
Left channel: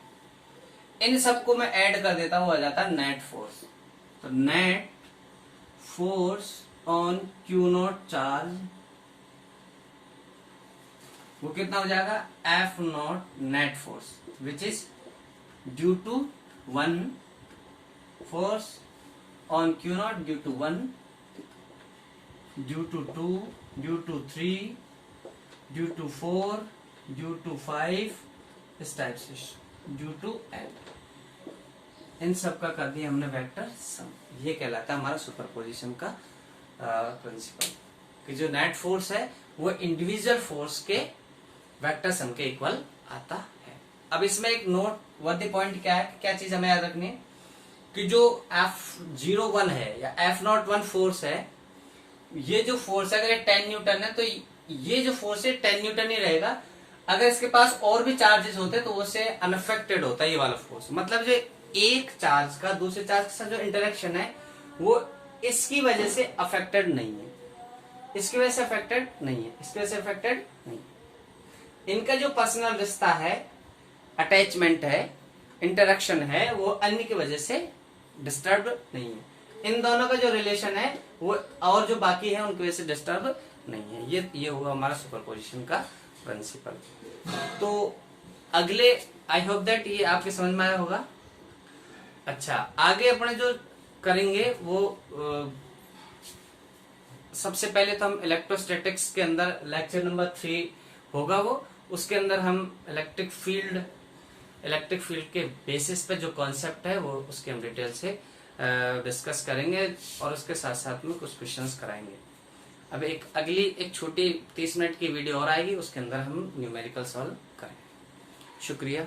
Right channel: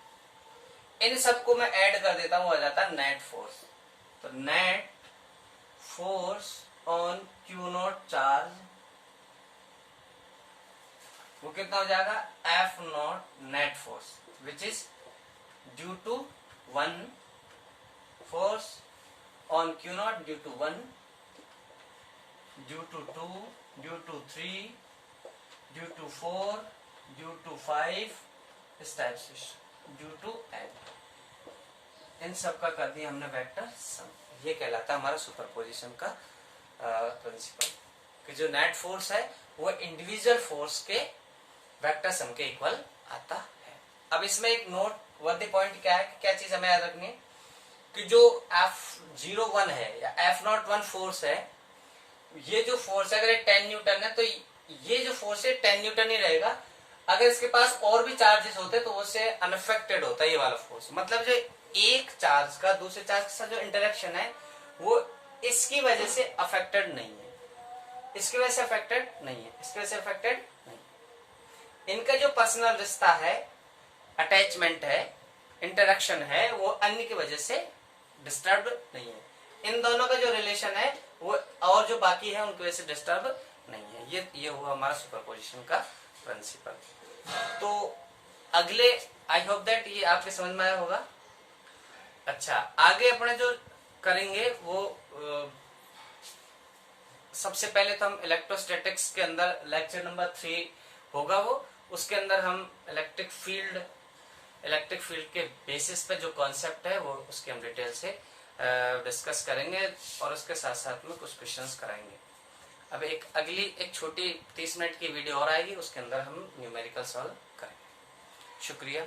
इन सबको मैं ऐड कर देता हूं, हो जाता है नेट फोर्स। तो net force on Q naught charge वो कितना हो जाएगा, F naught net force which is due to 1 force on Q naught due to 1, due to 2, due to 3, due to 4, due to 5, इस टाइप से due to n। इन सब का कर दिया हमने वेक्टर सम। ये कहलाता है हमारा सुपरपोजिशन का प्रिंसिपल, कि जो नेट फोर्स है वो इंडिविजुअल फोर्स के वेक्टर सम के इक्वल आता है। अब इसमें एक नोट वर्दी पॉइंट क्या है, क्या चीज हमें याद रखनी है कि जो F01 है या F01 फोर्स है, ये जो फोर्स है अगर ये 10 न्यूटन है तो ये जो फोर्स है 10 न्यूटन ही रहेगा। अगर इसके पास और भी चार्जेस होते तो उससे अनअफेक्टेड होता है ये वाला फोर्स। मतलब जो एक चार्ज का दूसरे चार्ज के साथ जो इंटरेक्शन है वो इसकी वजह से अफेक्टेड नहीं है, इसकी वजह से अफेक्टेड नहीं है, इसकी वजह से अफेक्टेड नहीं है। इनका जो पर्सनल रिश्ता है, अटैचमेंट है, इंटरेक्शन है, वो अन्य की वजह से डिस्टर्ब नहीं है। इन दोनों का जो रिलेशन है वो और जो बाकी है उनकी वजह से डिस्टर्ब नहीं है। ये हुआ हमारा सुपरपोजिशन का प्रिंसिपल। तो अगले आई होप दैट ये आपके समझ में आया होगा। अच्छा, आगे अपने जो करेंगे वो सबसे पहले तो हम इलेक्ट्रोस्टैटिक्स के अंदर लेक्चर नंबर 3 होगा वो, उसके अंदर हम इलेक्ट्रिक फील्ड के बेसिस पे जो कॉन्सेप्ट है वो उसके हम डिटेल से डिस्कस करेंगे और उसके साथ साथ में कुछ क्वेश्चंस कराएंगे। अब एक छोटी 30 मिनट की वीडियो और आएगी, उसके अंदर हम न्यूमेरिकल सॉल्व करेंगे। शुक्रिया।